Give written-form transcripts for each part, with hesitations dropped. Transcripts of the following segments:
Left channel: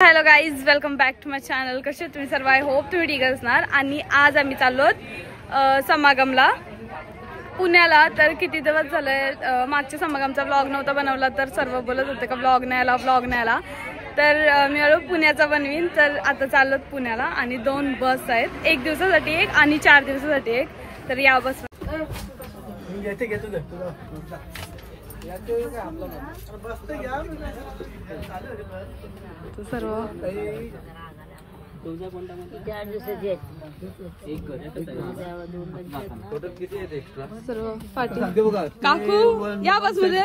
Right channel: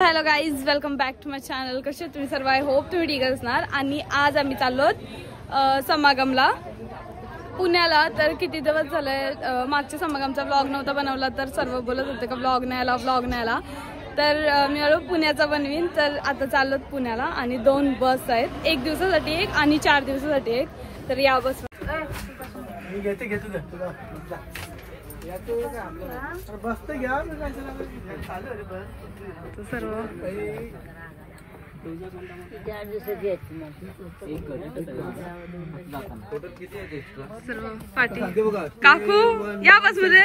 Hello guys, welcome back to my channel. कसे तुम्ही सर्व? आय होप तुम्ही ठीक असणार. आणि आज आम्ही चाललो समागमला पुण्याला. तर किती दिवस झाले मागच्या समागमचा व्लॉग नव्हता बनवला, तर सर्व बोलत होते का व्लॉग नाही आला. तर मी आलो पुण्याचा बनवीन. तर आता चाललो पुण्याला आणि 2 बस आहेत, 1 दिवसासाठी एक आणि 4 दिवसासाठी एक. तर या बस सर्व सर्व पाठी काकू या बस मध्ये.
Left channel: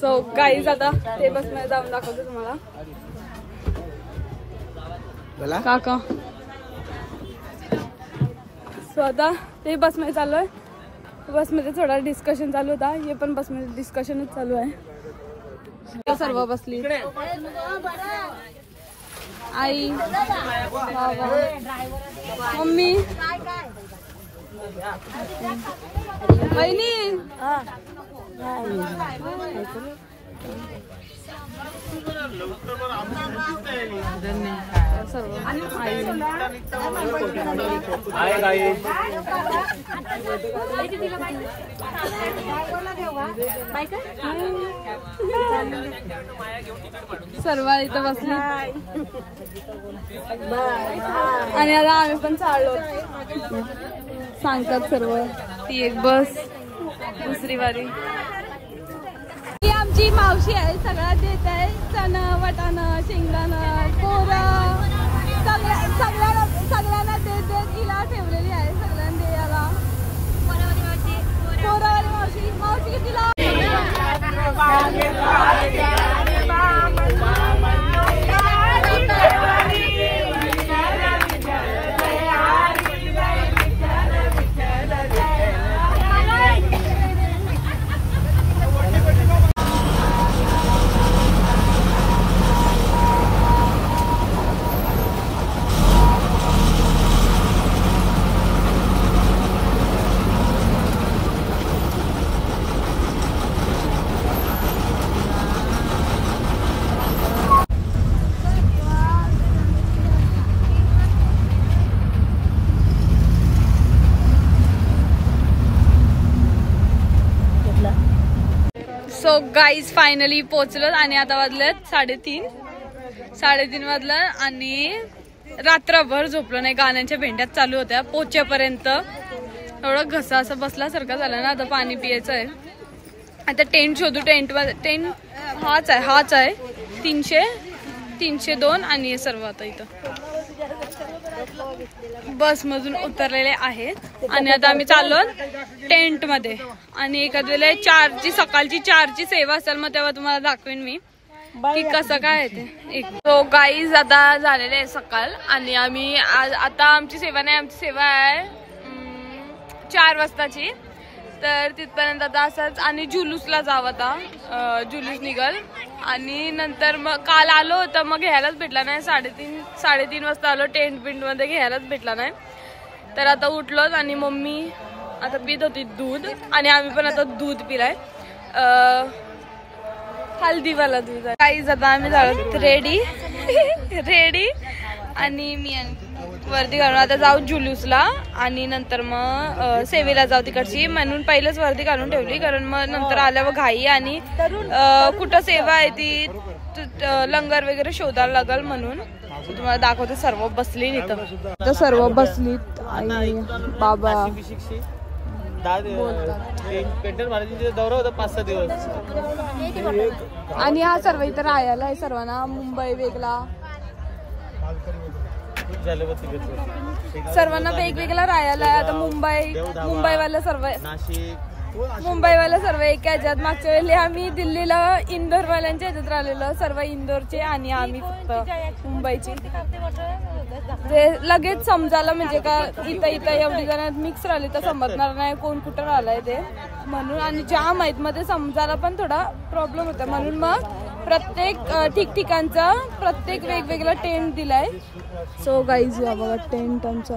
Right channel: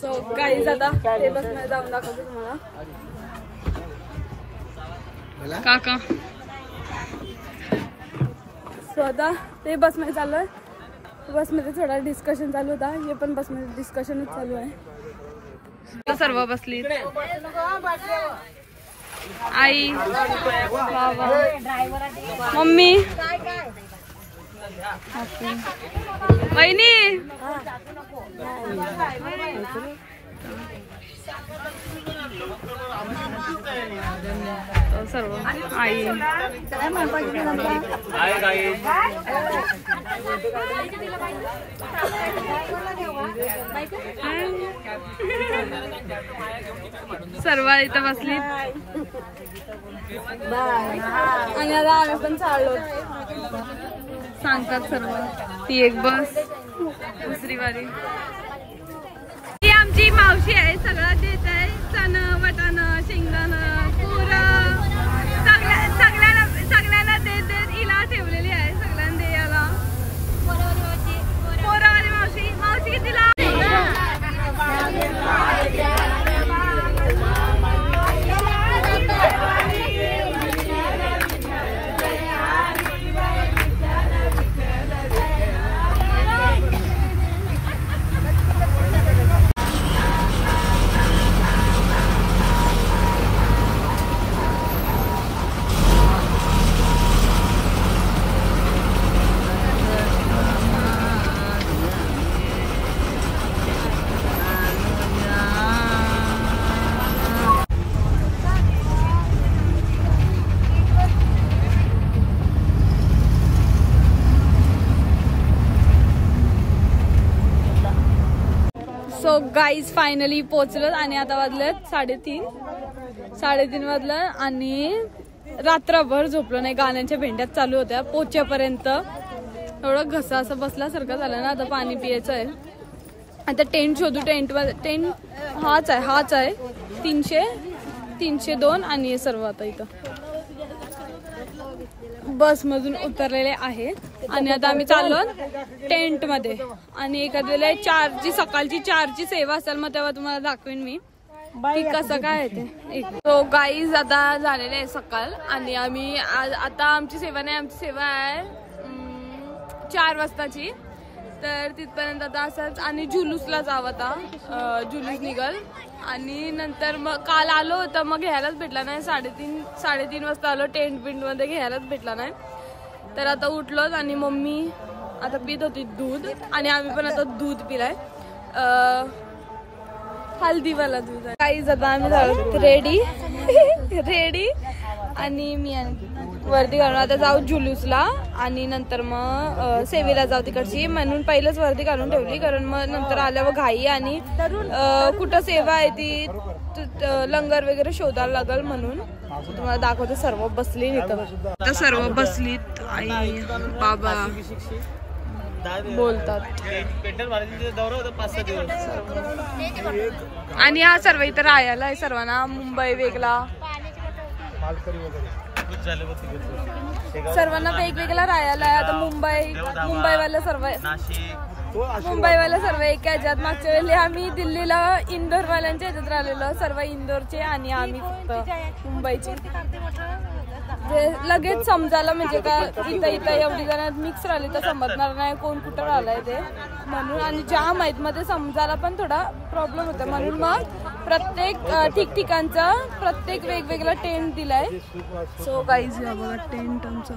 सो गाईज आता ते बस मध्ये जाऊन दाखवतो तुम्हाला. काका सो आता ते बस मध्ये चाललोय. बस मध्ये थोडा डिस्कशन चालू होता, हे पण बस मध्ये डिस्कशनच चालू आहे. सर्व बसली. आई, बाबा, मम्मी, वहिनी, सर्व आई. सर्व इथं बसली आणि आता आम्ही पण चाललो. सांगतात सर्व. ती एक बस, दुसरी वारी. ती आमची मावशी आहे, सगळं देत आहे. चण, वटाणं, शेंगदाणं, कोरा, सगळ्यांना देत हिला ठेवलेली आहे. सगळ्यांना द्यायला कोरावाली मावशी. मावशी कितीला? सो गाईज फायनली पोहोचलो आणि आता वाजलेत 3:30 वाजलं आणि रात्रभर झोपलो नाही. गाण्यांच्या भेंड्यात चालू होत्या पोहोचेपर्यंत. एवढं घसा असं बसल्यासारखं झालं ना. आता पाणी पियायचं आहे. आता टेंट शोधू. टेंट हाच आहे 302 आणि सर्व आता इथं बस मधून उतरलेले आहे. आणि आता आम्ही चाललो टेंट मध्ये. आणि एखाद वेळेला 4ची सकाळची 4ची सेवा असेल, मग तेव्हा तुम्हाला दाखवेन मी की कसं काय ते. तो गाईज आता झालेले आहे सकाळ. आणि आम्ही आता आमची सेवा नाही, आमची सेवा आहे 4 वाजताची. तर तिथपर्यंत आता असंच. आणि जुलूसला जावं आता. जुलूस निघल. आणि नंतर मग काल आलो होतं, मग घ्यायलाच भेटला नाही. 3:30 वाजता आलो. टेंट मध्ये घ्यायलाच भेटला नाही. तर आता उठलोच आणि मम्मी आता पित होती दूध आणि आम्ही पण आता दूध पिलाय. हल्दीवाला दूध. काहीच आता आम्ही झालो रेडी आणि मी वर्दी घालून आता जाऊ जुलूसला. आणि नंतर मग सेवेला जाऊ तिकडची. म्हणून पहिलेच वर्दी घालून ठेवली, कारण मग नंतर आल्यावर घाई आणि कुठं सेवा आहे ती लंगर वगैरे शोधायला लागल. म्हणून तुम्हाला दाखवतो. सर्व बसली इथं. तर सर्व बसलीत. आई बाबा बोलतात. आणि हा सर्व इथं राहायला आहे. सर्वांना मुंबई वेगळा, सर्वांना वेगवेगळा राहायला आहे. आता मुंबईवाला सर्व एका ह्याच्यात. मागच्या वेळेला आम्ही दिल्लीला इंदोरवाल्यांच्या ह्याच्यात राहिलेलो. सर्व इंदोरचे आणि आम्ही फक्त मुंबईचे. ते लगेच समजायला म्हणजे का इथं एवढी जण मिक्स राहिली तर समजणार नाही कोण कुठं राहिलंय ते. म्हणून आणि जाम आहेत मध्ये समजायला पण थोडा प्रॉब्लेम होता. म्हणून मग प्रत्येक ठिकठिकाणचा प्रत्येक वेगवेगळा टेंट दिलाय. सो गाईज या बघा टेंट आमचा.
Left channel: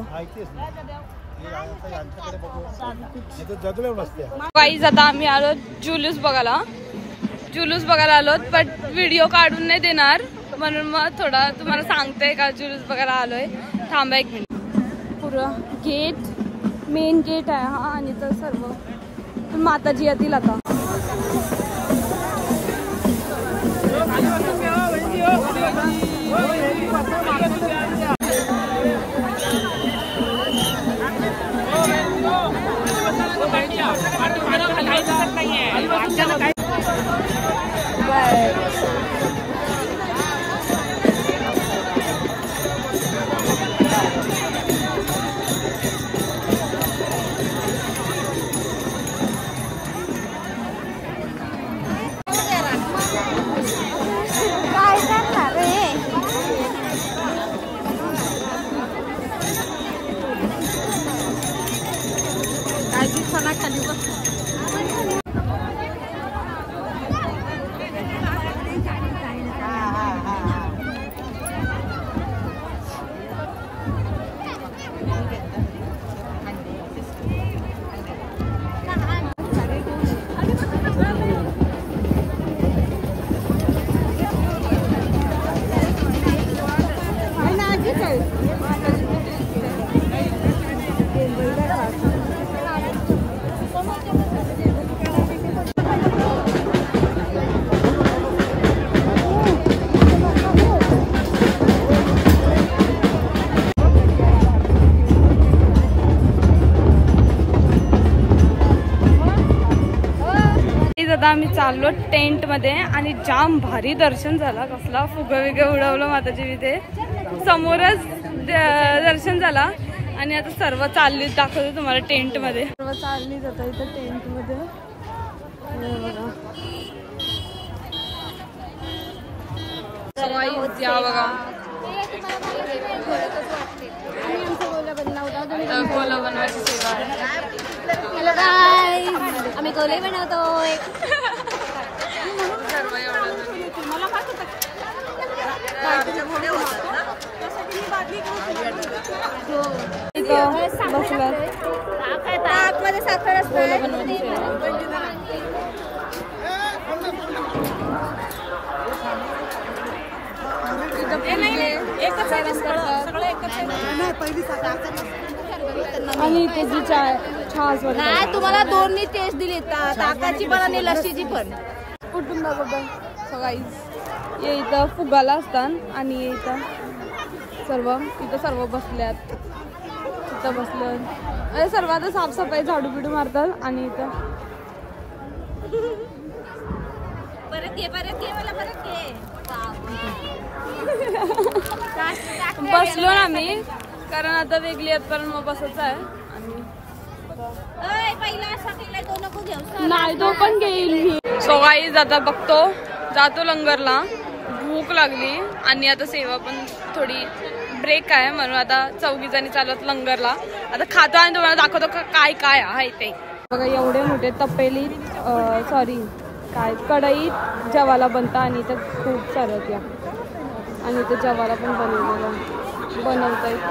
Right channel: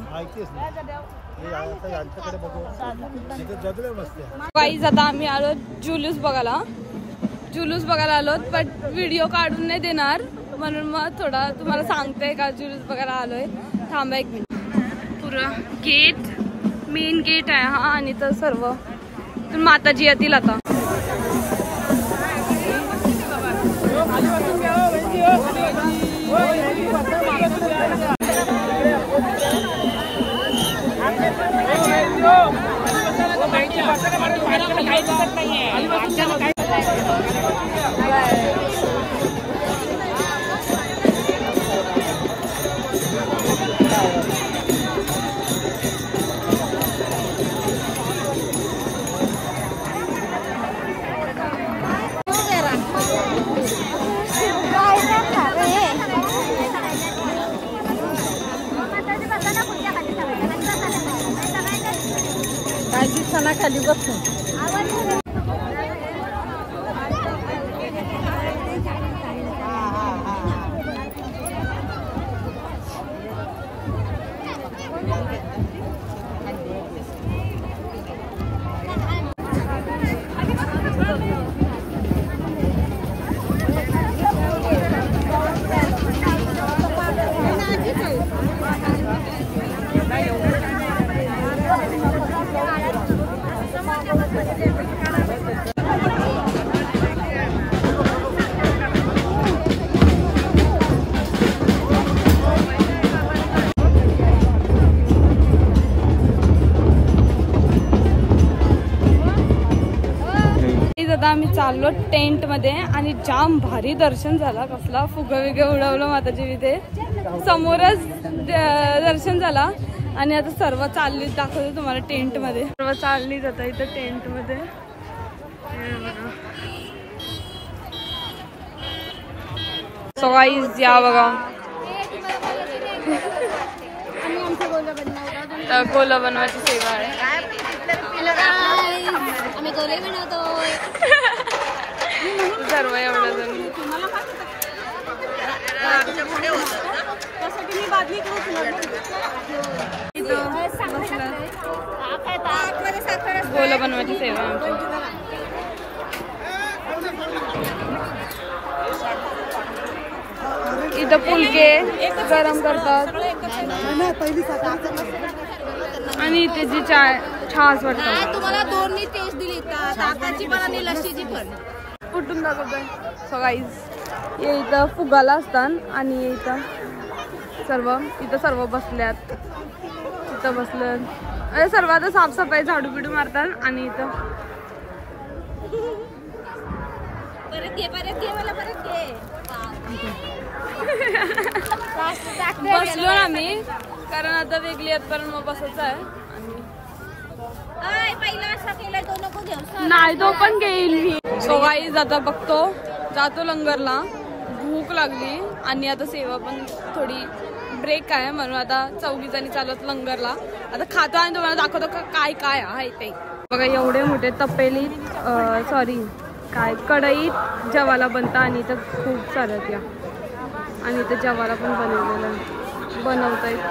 गाईज आता आम्ही आलो जुलूस बघायला. जुलूस बघायला आलोत, पण व्हिडिओ काढून नाही देणार म्हणून मग थोडा तुम्हाला सांगते का जुलूस बघायला आलोय. थांबा एक मिनिट. पुरं गेट, मेन गेट आहे हा, आणि तर सर्व माताजी येतील आता. खाली बसून आता आम्ही चाललो टेंट मध्ये आणि जाम भारी दर्शन झाला. कसला फुगे विगे उडवलं माताजी तिथे समोरच दर्शन झाला. आणि आता सर्व चालली दाखवतो तुम्हाला टेंट मध्ये. सर्व चालली जाता इथं टेंट मध्ये. सवाई या बघा गोला बनवायची सेवा आहे. आम्ही गोले बनवतोय सर्व एवढं जण गोला बनवायची सेवा. इथं फुलके गरम करतात आणि त्याची छास वाटत. तुम्हाला दोन्ही टेस्ट दिली, ताकाची पण आणि लस्सीची पण. कुठून दाखवतोय सगळी. इथं फुगाला असतात आणि इथं सर्व बसल्यात. इथं बसलं सर्व आता साफसफाई झाडू बिडू मारतात. आणि इथं बसलो ना मी, कारण आता वेगळी आहेत पण मग बसच आहे. आणि नाही तो पण घेईल मी. सो गाईज आता बघतो, जातो लंगरला. भूक लागली आणि आता सेवा पण थोडी ब्रेक आहे म्हणून आता 4 जणी चालत लंगरला. आता खातो आणि तुम्हाला दाखवतो काय काय आहे ते. बघा एवढे मोठे तपेलीत काय कढईत जेवायला बनता. आणि इथं खूप साऱ्या त्या आणि इथं जेवायला पण बनवतायत.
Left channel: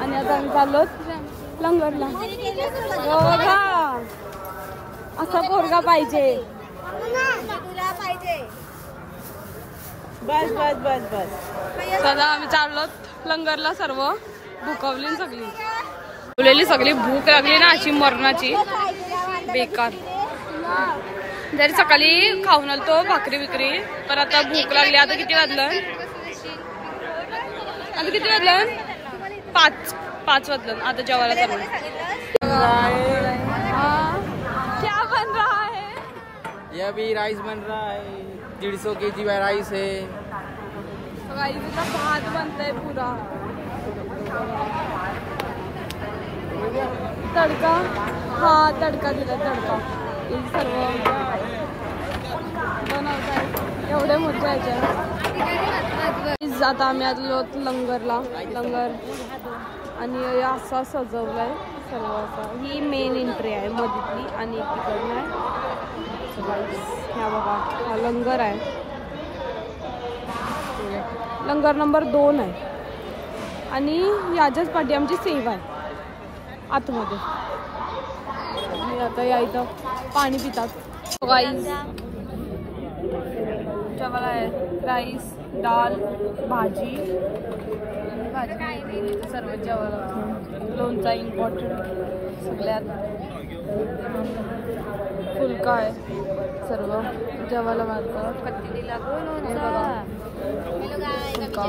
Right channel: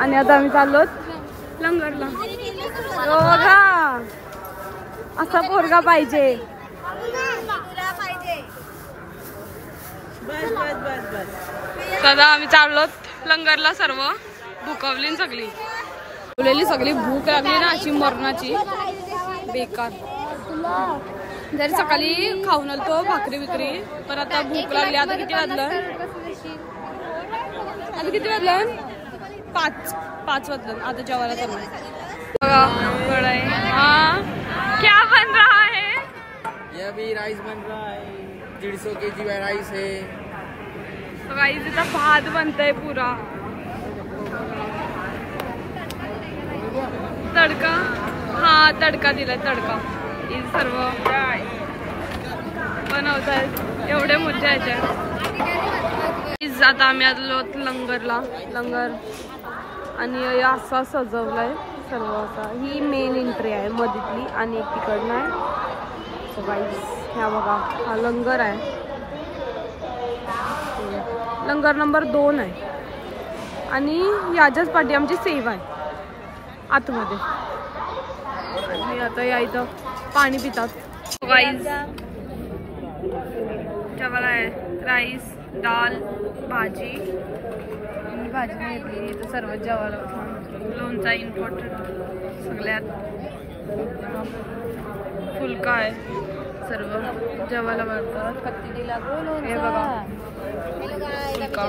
आणि आता आम्ही चाललो लंगरला. बघा असा पोरगा पाहिजे. बस बस बस बस. दादा आम्ही चाललो लंगरला. सर्व भूकवली सगळी भूक लागली ना अशी मरणाची बेकार. जरी सकाळी खाऊन आलतो भाकरी बिकरी, पण आता भूक लागली. आता किती वाजलं 5 वाजलं. आता जेवायला चालू. हाँ क्या बन रहा है? ये अभी राइस बन रहा है. 150 kg राइस है. राइस इथं भात बनतंय पुरा. तडका, हा तडका दिलाय. तडका हे सर्व बनवतायत. एवढे मजा यायच्या. आता आम्ही आलो लंगरला. लंगर आणि असा सजवलाय सर्व. असा ही मेन एंट्री आहे मधीतली आणि तिकडनं आहे. ह्या बघा हा लंगर आहे. लंगर नंबर 2 आहे. आणि याच्याच पाठी आमची सेवा आहे आतमध्ये. आणि आता या इथं पाणी पितात. गाइस जेवायला आहे राईस, दाल, भाजी घेतली तर सर्वच जेवायला. लोणचा इम्पॉर्टंट सगळ्यात, फुलका आहे, सर्व जेवायला मागतात. कत्ती दिला गो हे लोणचा. बघा फुलका.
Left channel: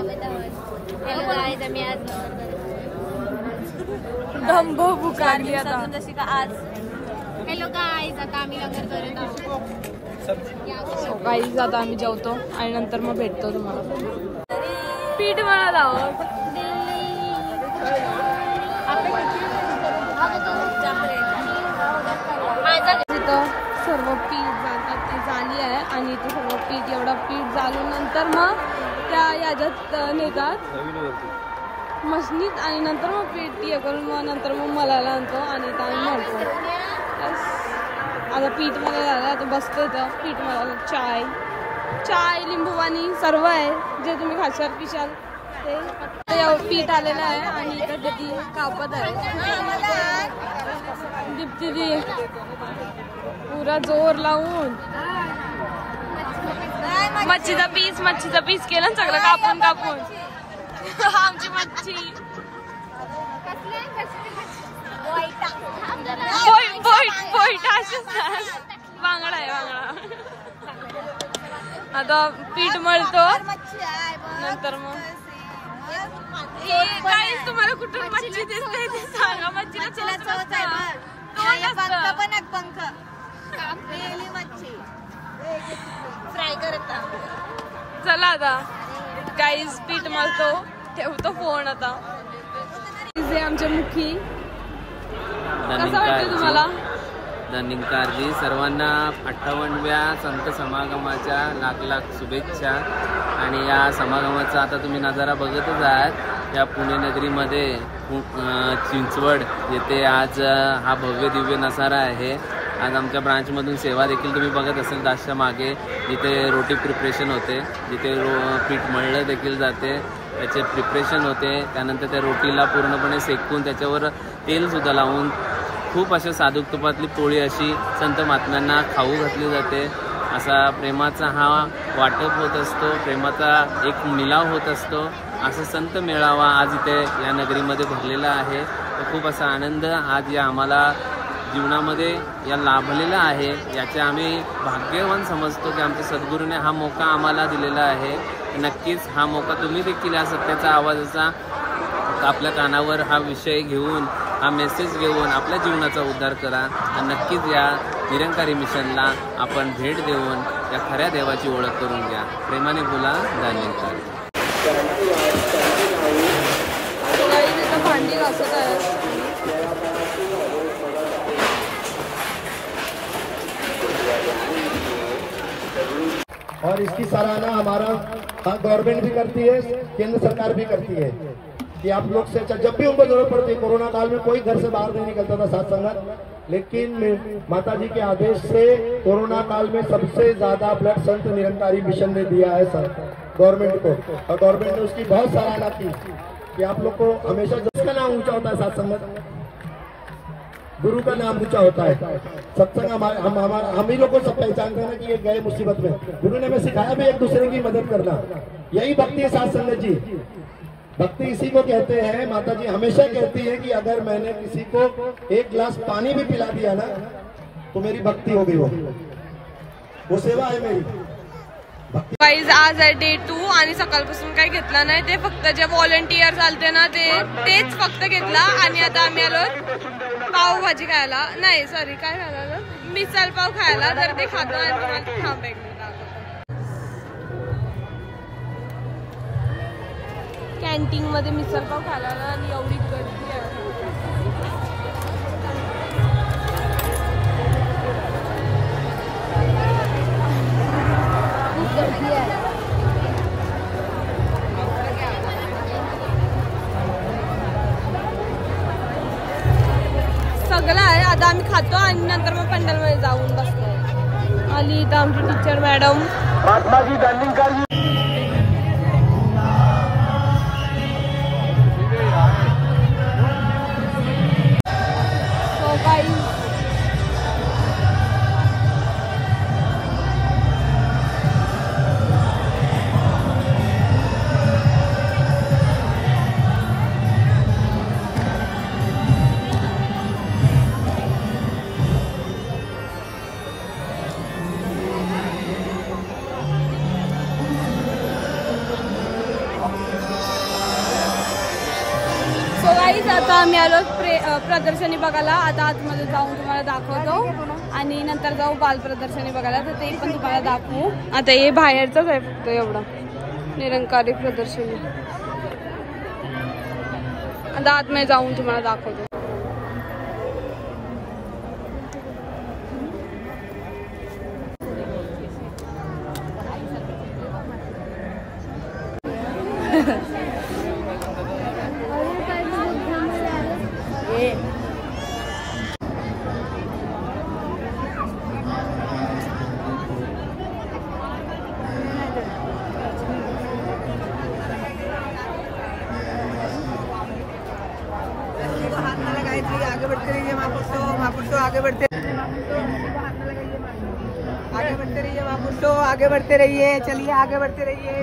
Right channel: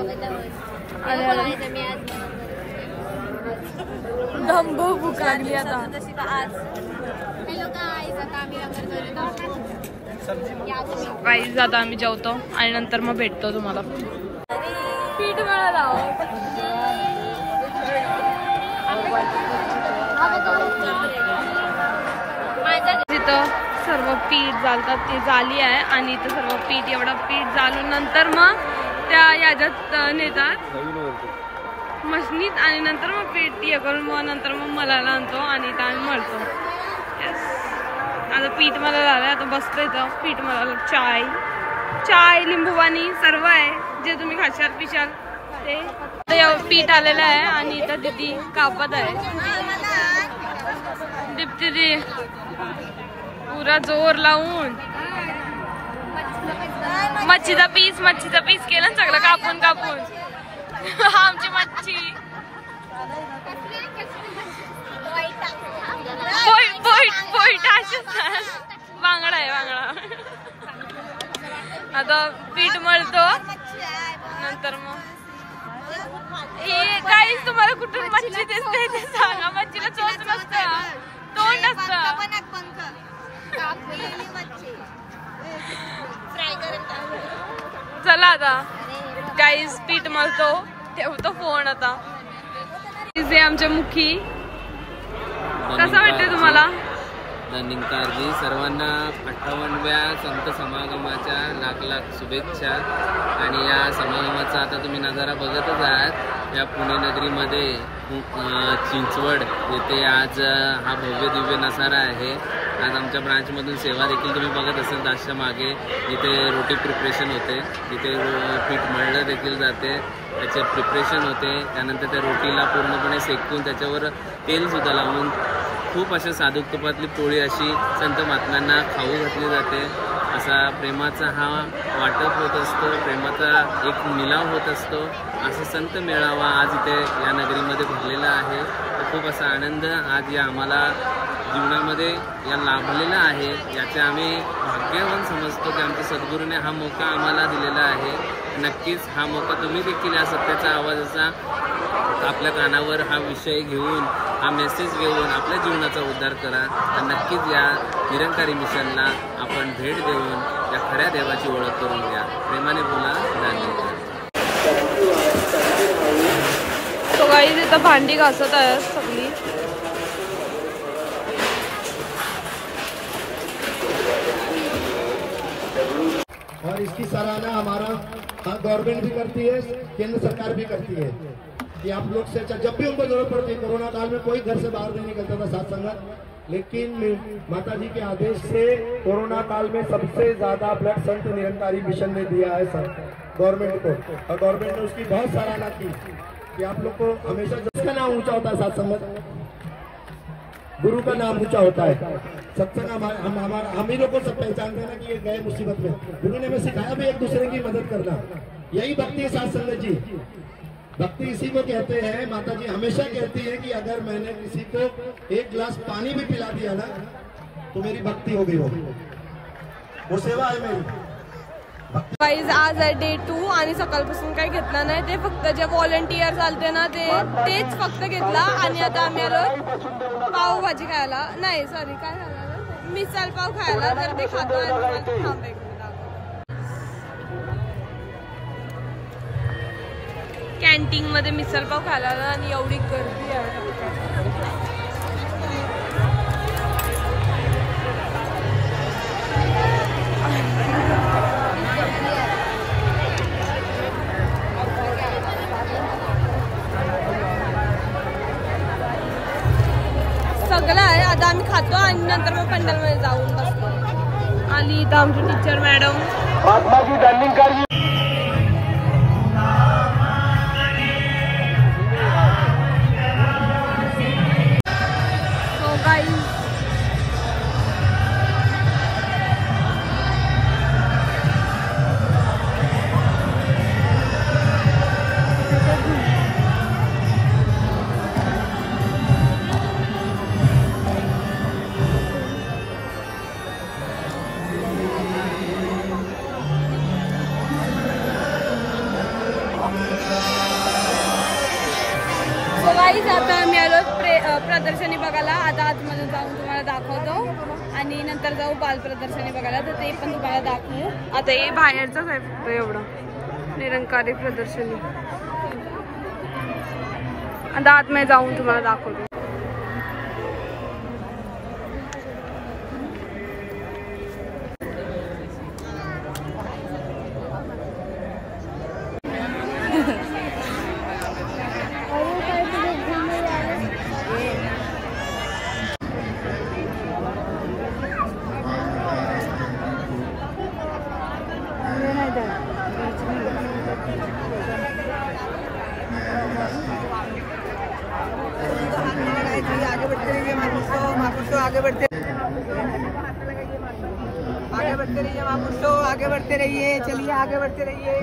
धंब भूक लागली आता. जशी का आज. हॅलो गाईज, आता आम्ही लंगर करत आहोत. गाईज आता आम्ही जेवतो आणि नंतर मग भेटतो तुम्हाला. पीठ मला लाव. तिथं सर्व पीठ जाळतात, ते जाली आहे आणि इथं सर्व पीठ, एवढं पीठ जाळून नंतर मग त्या याच्यात नेतात मशनीत आणि नंतर मग पीठ हे करून मग नंतर मग मलाला आणतो आणि इथं आम्ही मळतो. आता पीठ मला झालंय, आता बसतो इथं पीठ मला. चाय लिंबू पाणी सर्व आहे जे तुम्ही खाशाल पिशाल ते. पीठ आलेलं आहे आणि इथं दीदी कापत आहे. दीप्ती पुरा जोर लावून मच्छीचा पीस केलं सगळं कापून आमची मच्छी बांगडा आहे, बांगडा. आता पीठ मळतो नंतर मग काहीच तुम्हाला कुठून मच्छी दिसते ते सांगा. मच्छीला चोच नसतं, तोंड असतं. चला आता गाईज पीठ मळतो, ठेवतो फोन आता. हे आमचे मुखी. कसं वाटतं तुम्हाला? धनिंकारजी सर्वांना 58व्या संत समागमाच्या लाख शुभेच्छा. आणि या समागमाचा आता तुम्ही नजारा बघतच आहात. या पुणे नगरीमध्ये चिंचवड येथे आज हा भव्य दिव्य नजारा आहे. आज आमच्या ब्रांचमधून सेवा देखील तुम्ही बघत असाल. दाशच्या मागे जिथे रोटी प्रिपरेशन होते, जिथे पीठ मळलं देखील जाते, त्याचे प्रिपरेशन होते. त्यानंतर त्या रोटीला पूर्णपणे सेकून त्याच्यावर तेलसुद्धा लावून खूप अशा साधूक तुपातली पोळी अशी संत महात्म्यांना खाऊ घातली जाते. असा प्रेमाचा हा वाटप होत असतो, प्रेमाचा एक मिलाव होत असतो. असा संत मेळावा आज इथे या नगरीमध्ये भरलेला आहे. तर खूप असा आनंद आज या आम्हाला जीवनामध्ये या लाभलेला आहे. याचे आम्ही भाग्यवान समजतो की आमच्या सद्गुरूने हा मौका आम्हाला दिलेला आहे. नक्कीच हा मौका तुम्ही देखील या सत्याचा आवाजाचा आपल्या कानावर हा विषय घेऊन, हा मेसेज घेऊन आपल्या जीवनाचा उद्धार करा. तर नक्कीच या निरंकारी मिशनला आपण भेट देऊन या खऱ्या देवाची ओळख करून घ्या. प्रेमाने बोला, निरंकारी. इथं भांडी घासत आहे सगळी. और इसकी सराहना हमारा गवर्नमेंट भी करती है, केंद्र सरकार भी करती है कि आप लोग से जब भी उनको जरूरत पड़ती है. कोरोना काल में कोई घर से बाहर नहीं निकलता था साथ संगत, लेकिन माता जी के आदेश से कोरोना काल में सबसे ज्यादा ब्लड संत निरंकारी मिशन ने दिया है सर गवर्नमेंट को. और गवर्नमेंट ने उसकी बहुत सराहना की कि आप लोग को हमेशा जिसका नाम ऊंचा होता है साथ संगत, गुरु का नाम ऊंचा होता है. सत्संग हम ही लोग को सब पहचानते हैं कि ये गए मुसीबत में. गुरु ने हमें सिखाया भी एक दूसरे की मदद करना. यही भक्ति है साथ संगत जी. भक्ति इसी को कहते हैं. माता जी हमेशा कहती है कि अगर मैंने किसी को एक गिलास पानी भी पिला दिया ना तो मेरी भक्ति हो गई. वो सेवा है मेरी. गाईज आज आहे डे 2 आणि सकाळपासून काही घेतला नाही. ते फक्त जे व्हॉलंटियर चालते ना तेच फक्त घेतला. आणि आता आम्ही आलो पावभाजी खायला, नाही सॉरी काय खायला आलो, मिसळ पाव खायला. तर ते खातो आणि तुम्हाला थांब एक मिनिट दाखवतो. कॅन्टीन मध्ये मिसळ पाव खायला आलो आणि एवढी गर्दी आहे. सगळं आहे. आता आम्ही खातो आणि नंतर मग पंडालमध्ये जाऊन बसतो. आली इथं आमची teacher madam. So guys guys आता आम्ही आलो प्रदर्शनी बघायला. आता आतमध्ये जाऊन तुम्हाला दाखवतो आणि नंतर जाऊ बाल प्रदर्शनी बघायला, तर ते पण तुम्हाला दाखवू. आता हे बाहेरचंच आहे फक्त एवढं निरंकारी प्रदर्शनी. आता आतमध्ये जाऊन तुम्हाला दाखवतो. आगे बढ़ते रहिए महापुरुषों, आगे बढ़ते रहिए महापुरुषों, आगे बढ़ते रहिए. चलिए आगे बढ़ते रहिए.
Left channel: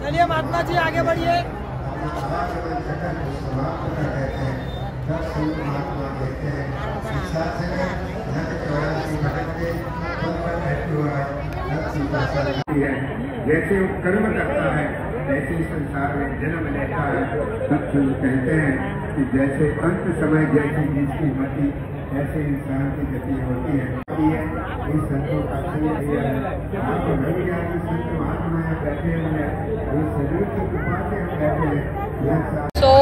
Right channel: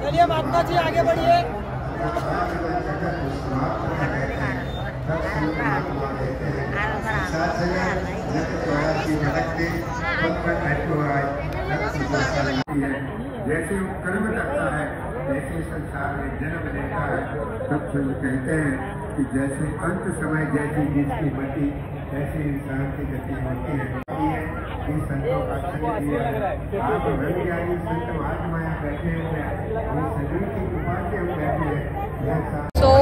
चलिए महात्मा जी आगे बढ़िए. जैसे वो कर्म करता है वैसे ही संसार में जन्म लेता है. सत्संग कहते हैं कि जैसे अंत समय जैसी जिसकी मति ऐसे इंसान की गति होती है. इस संतों का संग दिया है. आप रवि ज्ञानी संत महात्मा बैठे हुए हैं, वो सभी की कृपा से हम बैठे हैं. सो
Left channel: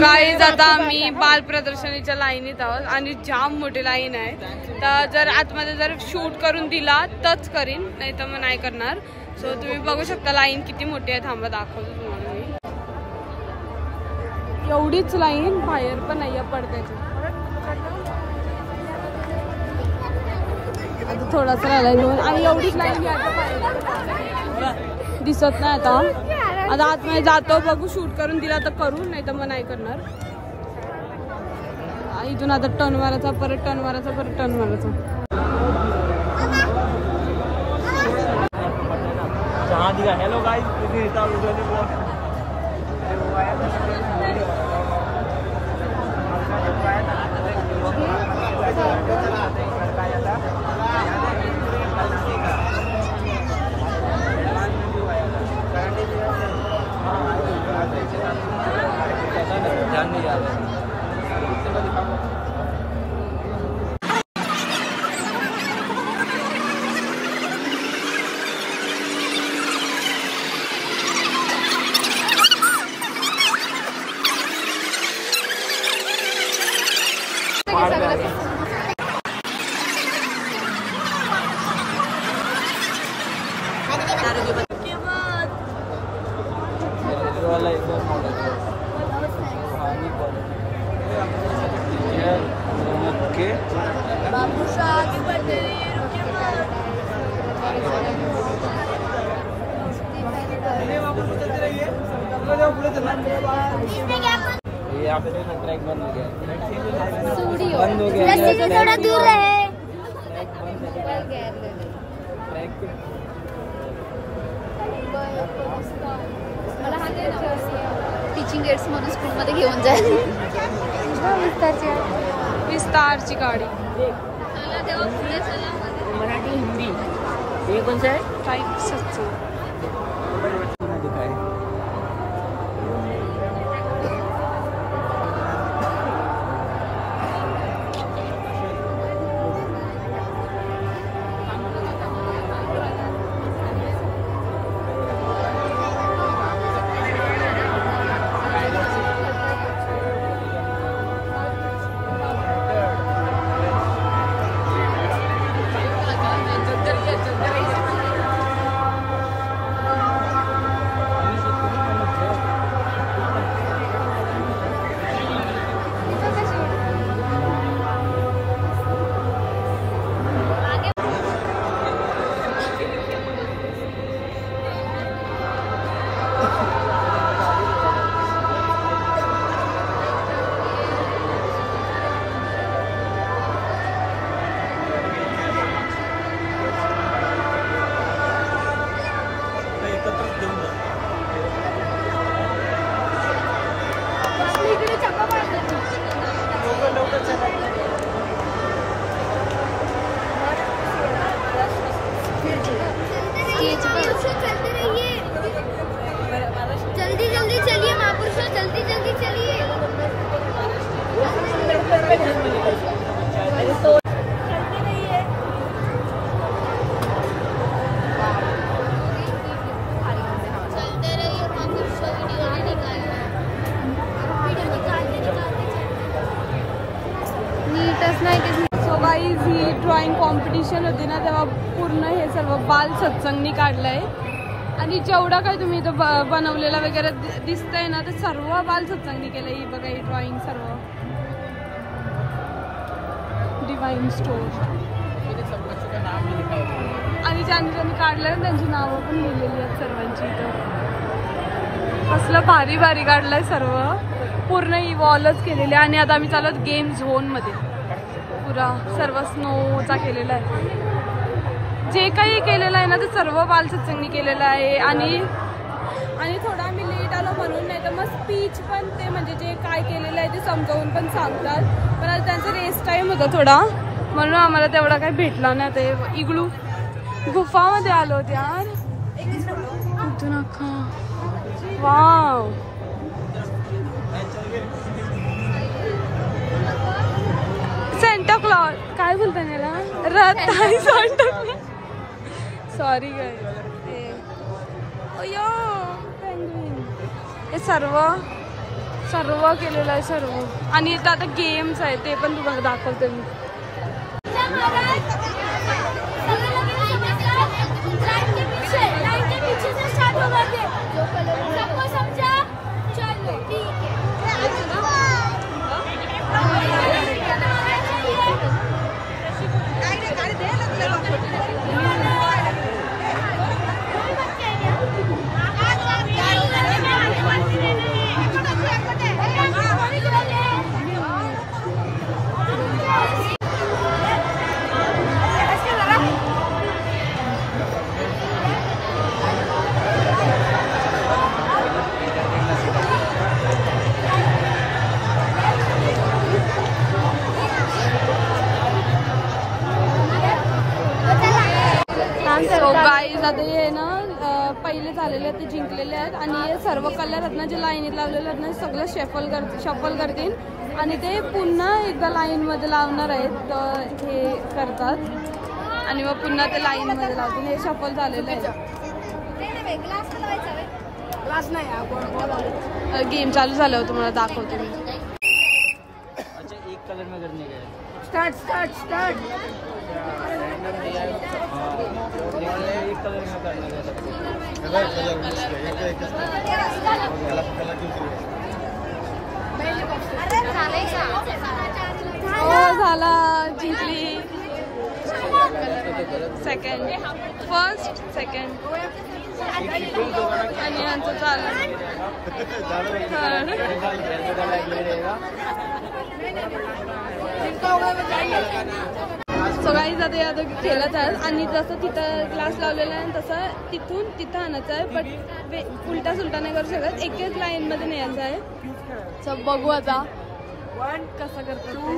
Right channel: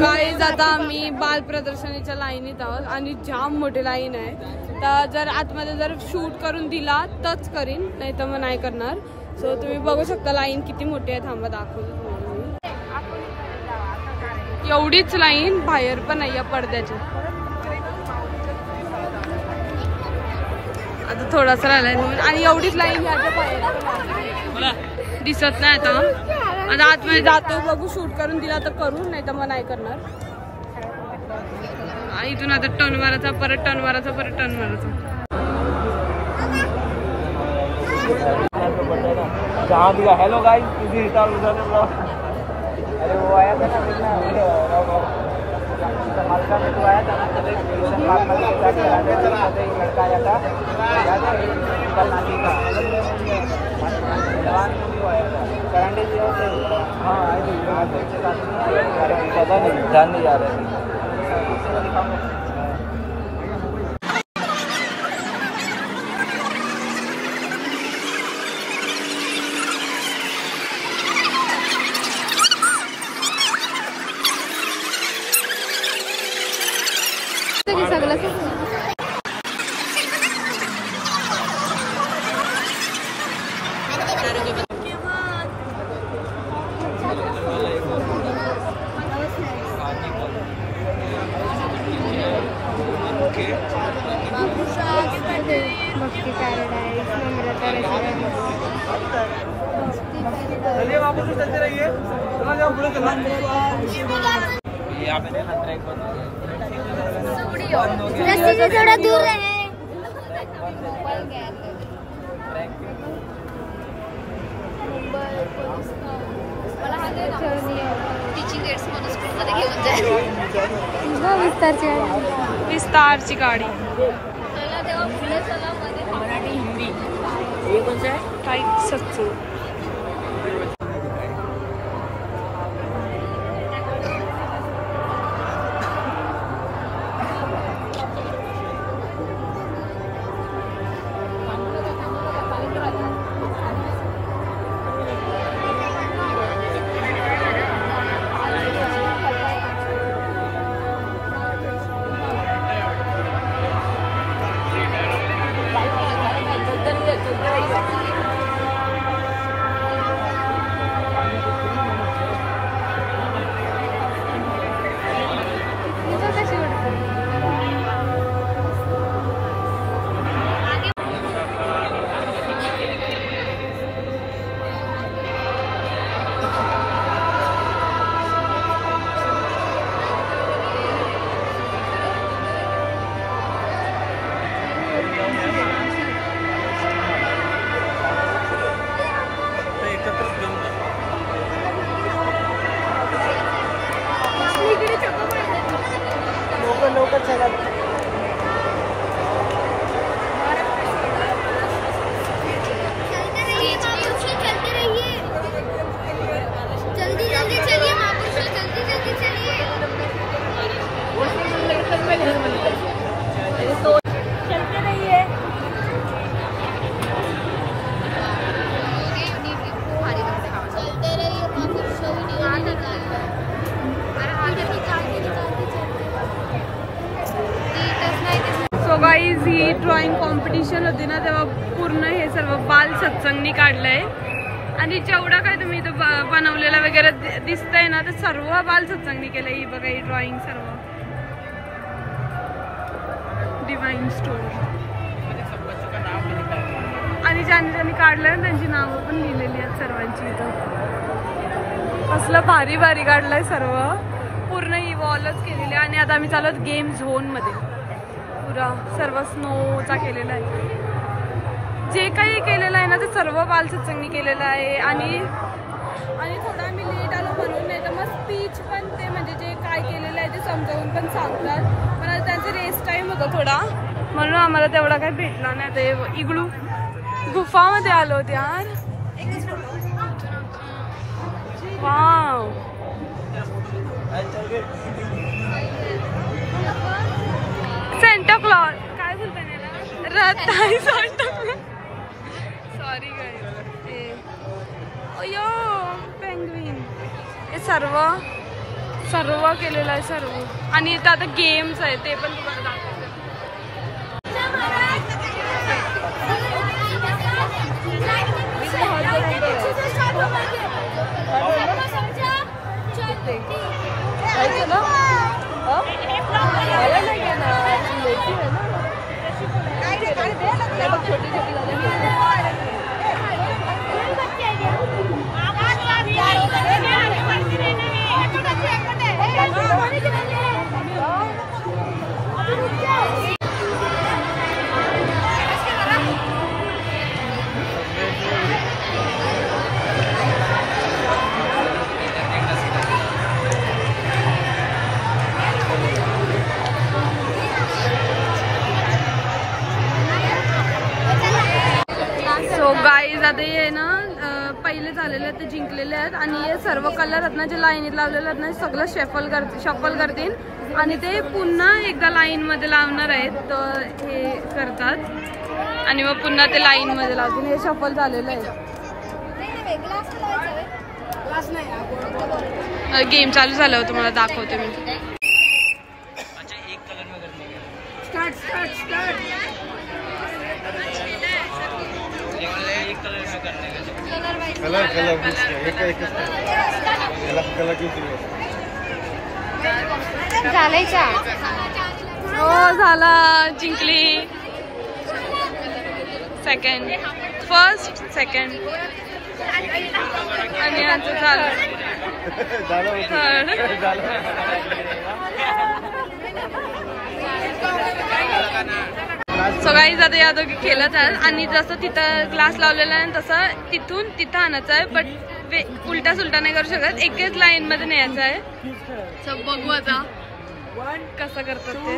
गाईज आता आम्ही बाल प्रदर्शनीच्या लाईनीत आहोत आणि जाम मोठी लाईन आहे. तर जर आतमध्ये जर शूट करून दिला तरच करीन, नाही तर मग नाही करणार. सो तुम्ही बघू शकता लाईन किती मोठी आहे. थांबा दाखवतो तुम्हाला मी. एवढीच लाईन बाहेर पण आहे पडद्याची. आता थोडासा राहिलाय दोन आणि एवढीच लाईन याच्या बाहेर पण दिसत नाही. आता आतमध्ये जातो, बघू शूट करून दिला तर करू, नाही तर मग नाही करणार. इथून आता टर्न मारायचा, परत टर्न मारायचा, परत टर्न मारायचा. हेलो गाइस, थोड़ा दूर रहे. टीचिंग एड्स मधून स्कूलमध्ये घेऊन जाईल. विस्तारची गाडी. मराठी हिंदी टाईप सत्संग. चलते रहिए, जल्दी जल्दी चलिए महापुरुषों, जल्दी जल्दी चलिए। सो गाईज ही ड्रॉइंग कॉम्पिटिशन होती ना तेव्हा पूर्ण हे सर्व बाल सत्संगनी काढलंय आणि जेवढा काही तुम्ही इथं बनवलेला वगैरे दिसतंय ना ते सर्व बाल सत्संगनी केलंय. ही बघा ही ड्रॉइंग सर्व डिवाइन स्टोर आणि ज्यांनी ज्यांनी काढलंय ना त्यांची नावं पण लिहिलेली आहेत सर्वांची इथं. कसलं भारी भारी काढलंय सर्व, पूर्ण ही वॉलच केलेली आहे. आणि आता आम्ही चालत गेम झोन मध्ये, पुरा सर्व स्नोचा केलेला आहे. जे काही केलेलं आहे ना ते सर्व बाल सत्संगनी केलेलं आहे. आणि थोडं आम्ही लेट आलो म्हणून, नाही तर मग स्पीच पण ते म्हणजे जे काय केलेलं आहे ते समजावून पण सांगतात. पण आज त्यांचा रेस्ट टाइम होता थोडा, म्हणून आम्हाला तेवढा काही भेटला नाही. ते इग्लू गुफामध्ये आलो होते यार. वाव, सेंटा क्लॉज काय बोलता त्याला, रथ आहे सांटा क्लॉज. सॉरी काय अयो पेंग्विन. हे सर्व केलेलं आहे सर्व. आणि इथं आता गेम्स आहे ते पण तुम्हाला दाखवते मी. सो गाईज आता हे ना पहिले झालेले आहेत ते जिंकलेले आहेत. आणि हे सर्व कलर आहेत ना जे लाईनीत लावलेले आहेत ना सगळं शफल करतील आणि ते पुन्हा एकदा लाईन मध्ये लावणार आहेत. तर हे करतात आणि मग पुन्हा ते लाईन मध्ये लावतील. हे शफल झालेलं आहे. गेम चालू झालं होतं, तुम्हाला दाखवते मी. Start start start. हो झाला, जिंकली. सेकंड, फर्स्ट सेकंड आणि यांचं झालं थर्ड. सो गाईज आता या दोघी खेळत आहेत. आणि जसं तिथं ग्लास लावलेला आहे तसं तिथं आणायचं आहे. बट उलटा सुलटा नाही करू शकत, एकच लाईन मध्ये न्यायचं आहे. सो बघू आता कसं करतात ते.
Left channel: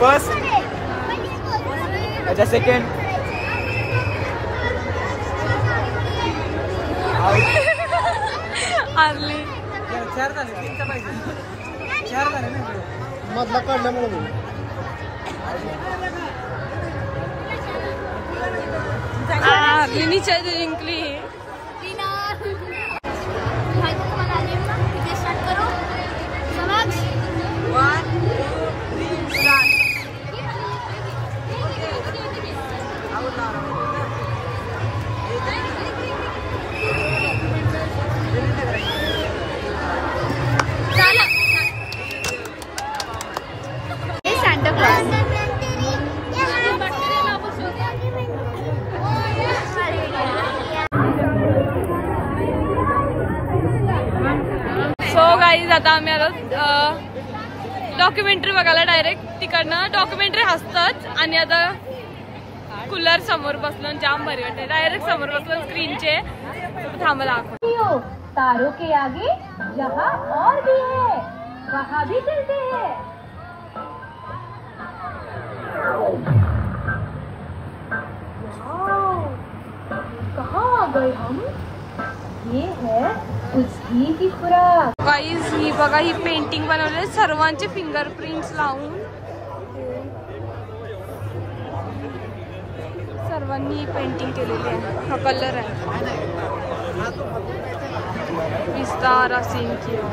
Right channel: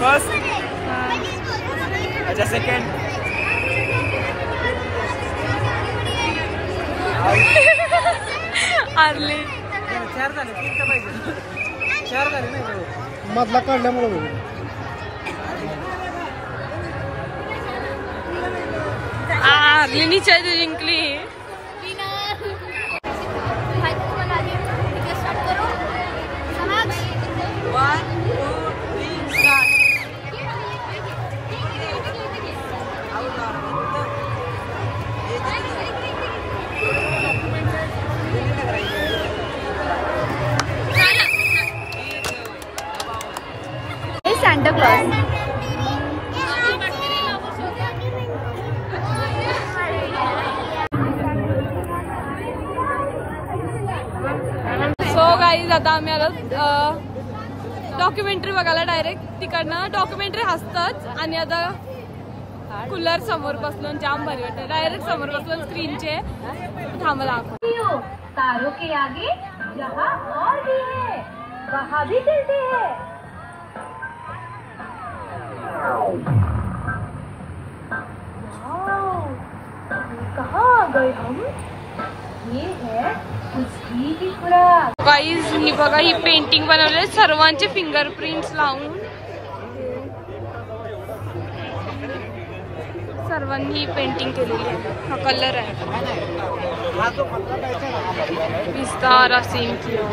फर्स्ट अच्छा सेकंड आरली मधला काढल्यामुळे आरली नीचे जिंकली. गाईज आता आम्ही आलो डॉक्युमेंटरी बघायला डायरेक्ट तिकडनं. डॉक्युमेंटरी असतच आणि आता कूलर समोर बसलो जाम भारी वाटते. डायरेक्ट समोर बसलो स्क्रीनचे. थांबा दाखव. तारों के आगे जहाँ और भी है वहाँ भी चलते हैं. कहाँ आ गए हम? ये है उसकी की खुराक. गाईज ही बघा ही पेंटिंग बनवले सर्वांचे फिंगरप्रिंट्स लावून. सर्वांनी ही पेंटिंग केलेली आहे. हा कलर आहे विस्तारा सीन किया.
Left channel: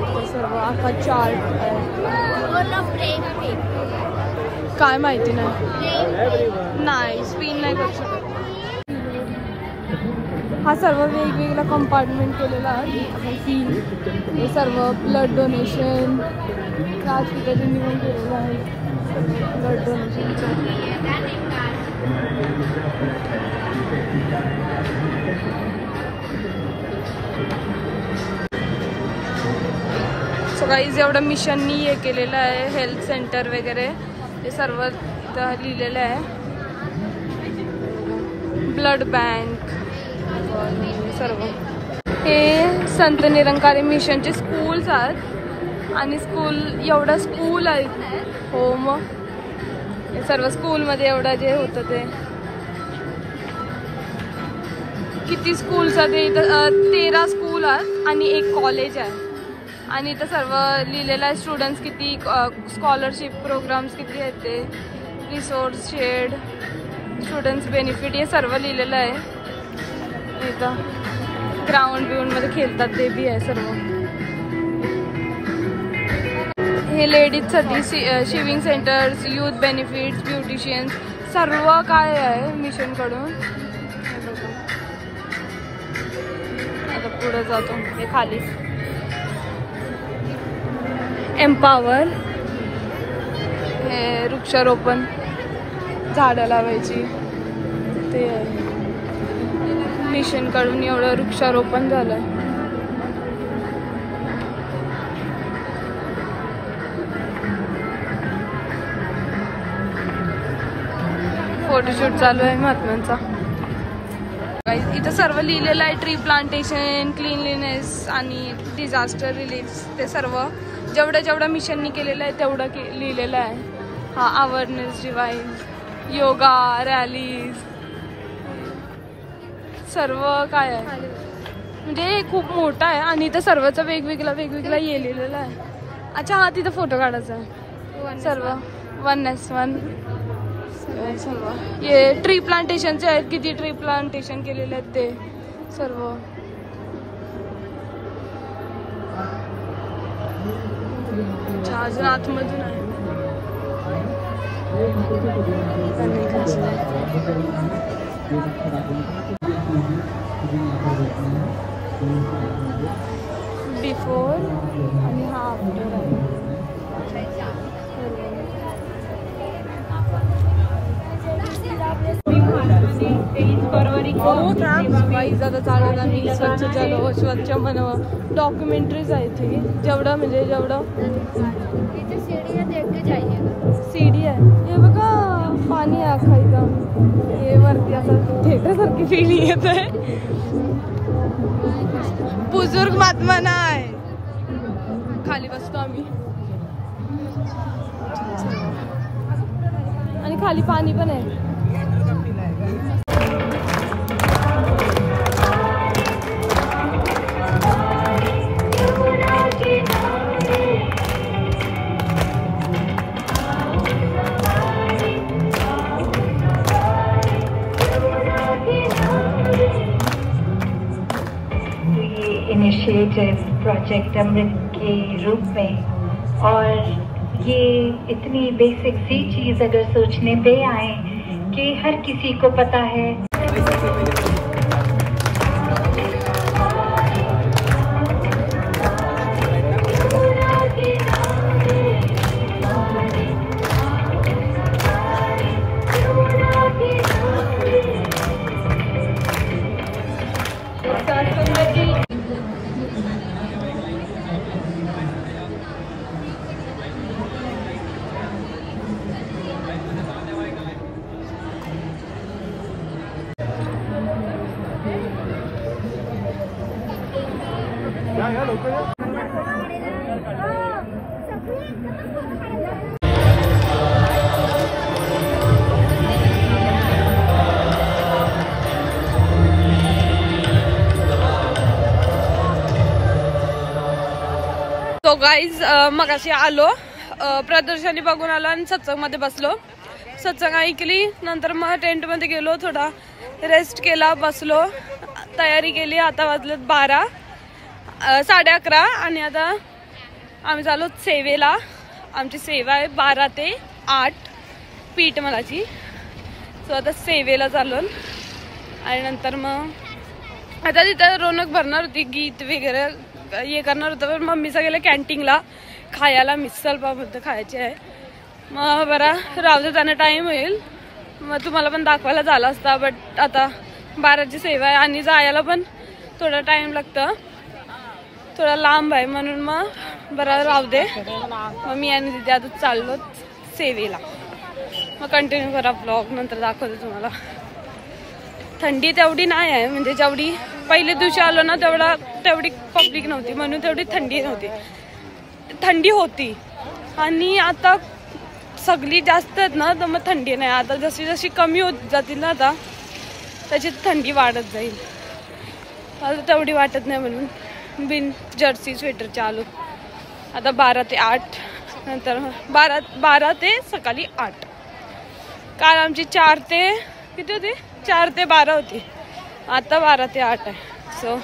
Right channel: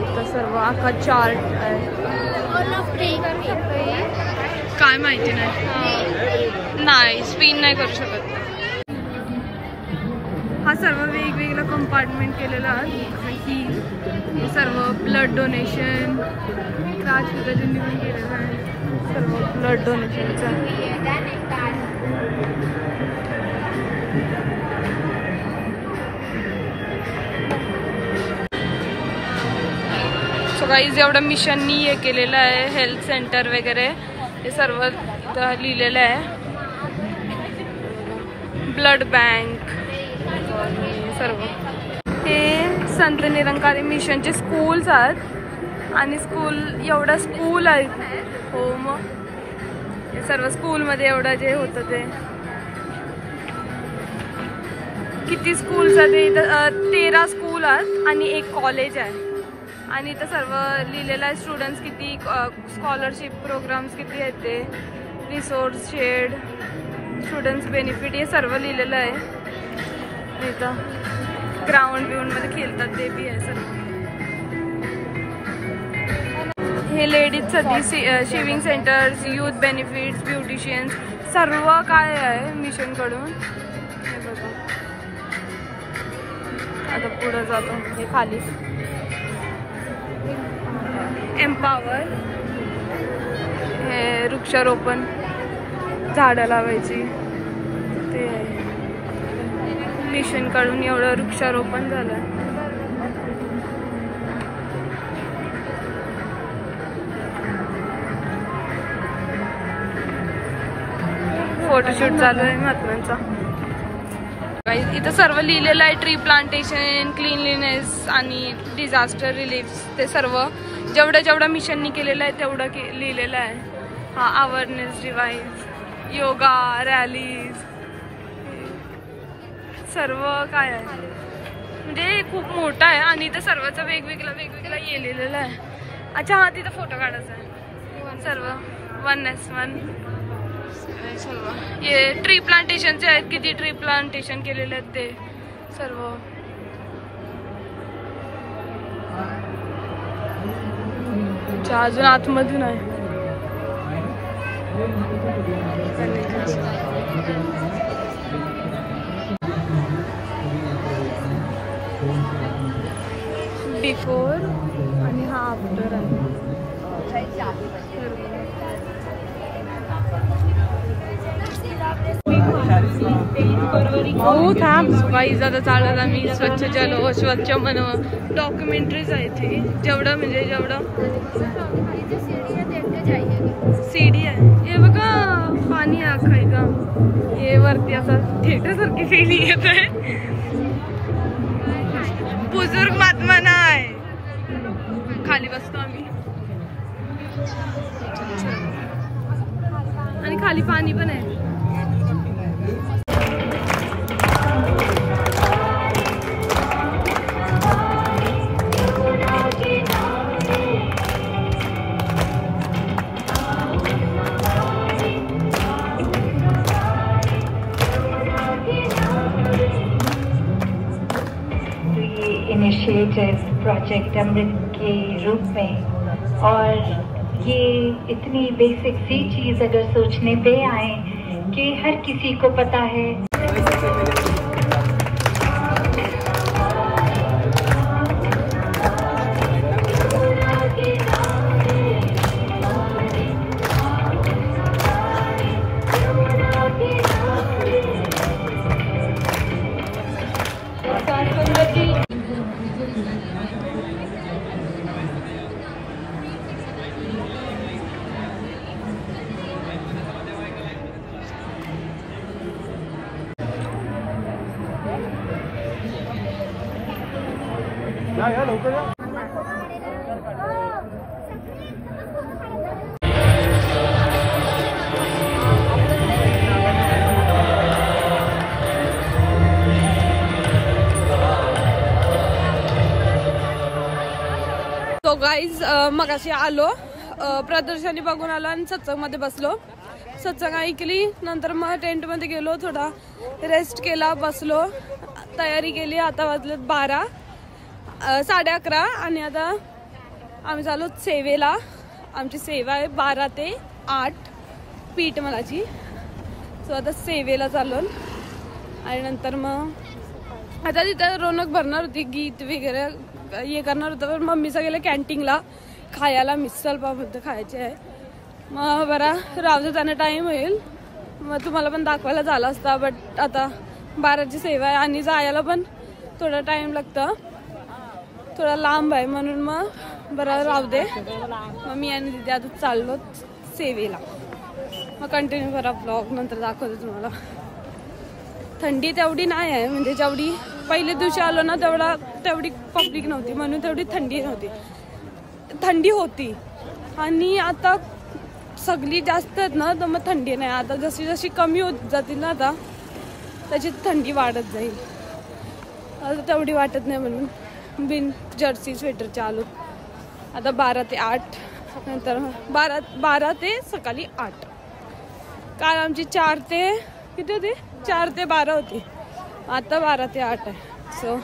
इथं सर्व आखा चार्ट आहे. काय माहिती नाही स्पिन नाही करू शकत. हा सर्व वेगवेगळा कंपार्टमेंट केलेला आहे. ही सर्व ब्लड डोनेशन राजपिताजींनी पण केलेलं आहे. सर्व ब्लड डोनेशनचं. सो गाईज एवढं मिशननी हे केलेलं आहे. हेल्थ सेंटर वगैरे हे सर्व इथं लिहिलेलं आहे. ब्लड बँक सर्व हे संत निरंकारी मिशनचे स्कूल्स आहेत. आणि स्कूल एवढं स्कूल आहेत. हो मग हे सर्व स्कूलमध्ये एवढं जे होतं ते किती स्कूल्स आहेत इथं 13 स्कूल आहेत आणि एक कॉलेज आहे. आणि इथं सर्व लिहिलेलं आहे स्टुडंट्स किती स्कॉलरशिप प्रोग्राम्स किती आहेत ते रिसोर्स शेड स्टुडंट्स बेनिफिट हे सर्व लिहिलेलं आहे. इथं ग्राउंड बिऊंडमध्ये खेळतात ते बी आहे सर्व. हे लेडीजसाठी शिविंग सेंटर्स यूथ बेनिफिट्स ब्युटिशियन्स सर्व काय आहे मिशनकडून. हे बघा आता पुढे जातो. हे खाली एम्पावर हे वृक्षारोपण झाडं लावायची ते आहे. मिशन कडून एवढं वृक्षारोपण झालं. फोटोशूट चालू आहे महात्म्यांचा. इथं सर्व लिहिलेलं आहे ट्री प्लांटेशन क्लीनलीनेस आणि डिझास्टर रिलीफ ते सर्व जेवढं मिशननी केलेलं आहे तेवढं लिहिलेलं आहे. हा अवेअरनेस डिवाइस योगा रॅलीज सर्व काय आहे म्हणजे खूप मोठा आहे. आणि इथं सर्वचं वेगवेगळा लिहिलेलं आहे. अच्छा हा तिथं फोटो काढायचा आहे. सर्व 1S1 सर्व हे ट्री प्लांटेशनचे आहेत. किती ट्री प्लांटेशन केलेले आहेत ते सर्व. अजून आतमधून आहे. बिफोर आणि हा आफ्टर आहे. वाईज आता चालत आम्ही स्वच्छ चलो स्वच्छ मनव डॉक्युमेंटरीज आहे ती जेवढं म्हणजे जेवढं सीडी आहे. हे बघा पाणी आहे अख्खा इथं. हे वरती असं थिएटर सारखी फीलिंग येत आहे. बुजुर्ग महात्मा नाही खाली बसतो आम्ही आणि खाली पाणी पण आहे. इनिशिएटिव प्रोजेक्ट अमृत के रूप में और ये इतनी बेसिक सी चीज़ अगर सोचने पे आए कि हर किसी को पता है तो गाईज मगाशी आलो, प्रदर्शनी बघून आलो आणि सत्संगमध्ये बसलो. सत्संग ऐकली, नंतर मग टेंटमध्ये गेलो, थोडा रेस्ट केला, बसलो, तयारी केली. आता वाजलेत 12, 11:30 आणि आता आम्ही चालू सेवेला. आमची सेवा आहे 12 ते 8 पीठ मलाची. सो आता सेवेला चाललो आणि नंतर मग आता तिथं रोनक भरणार होती, गीत वगैरे हे करणार होतं. पण मम्मीचं गेलं कॅन्टीनला खायला, मिसल पाव खायचे आहे. मग बरा राहू दे, त्यांना टाईम होईल. मग तुम्हाला पण दाखवायला झाला असता, बट आता 12ची सेवा आहे आणि जायला पण थोडा टाईम लागतं, थोडा लांब आहे, म्हणून मग बरं राहू दे. मग मी आणि तिथे आता चाललो सेवेला. मग कंटिन्यू करा ब्लॉग, नंतर दाखवते तुम्हाला. थंडी तेवढी नाही आहे, म्हणजे जेवढी पहिल्या दिवशी आलो ना तेवढी पब्लिक नव्हती, म्हणून तेवढी थंडी नव्हती. थंडी होती आणि आता सगळी जास्त आहेत ना, तर मग थंडी नाही. आता जशी जशी कमी होत जातील ना, आता त्याची थंडी वाढत जाईल. आता तेवढी वाटत नाही, म्हणून बिन जर्सी स्वेटरच्या आलो. आता 12 ते 8, नंतर 12 ते सकाळी 8. काल आमची 4 ते किती होती, 4 ते 12 होती. आता 12 ते 8 आहे. सो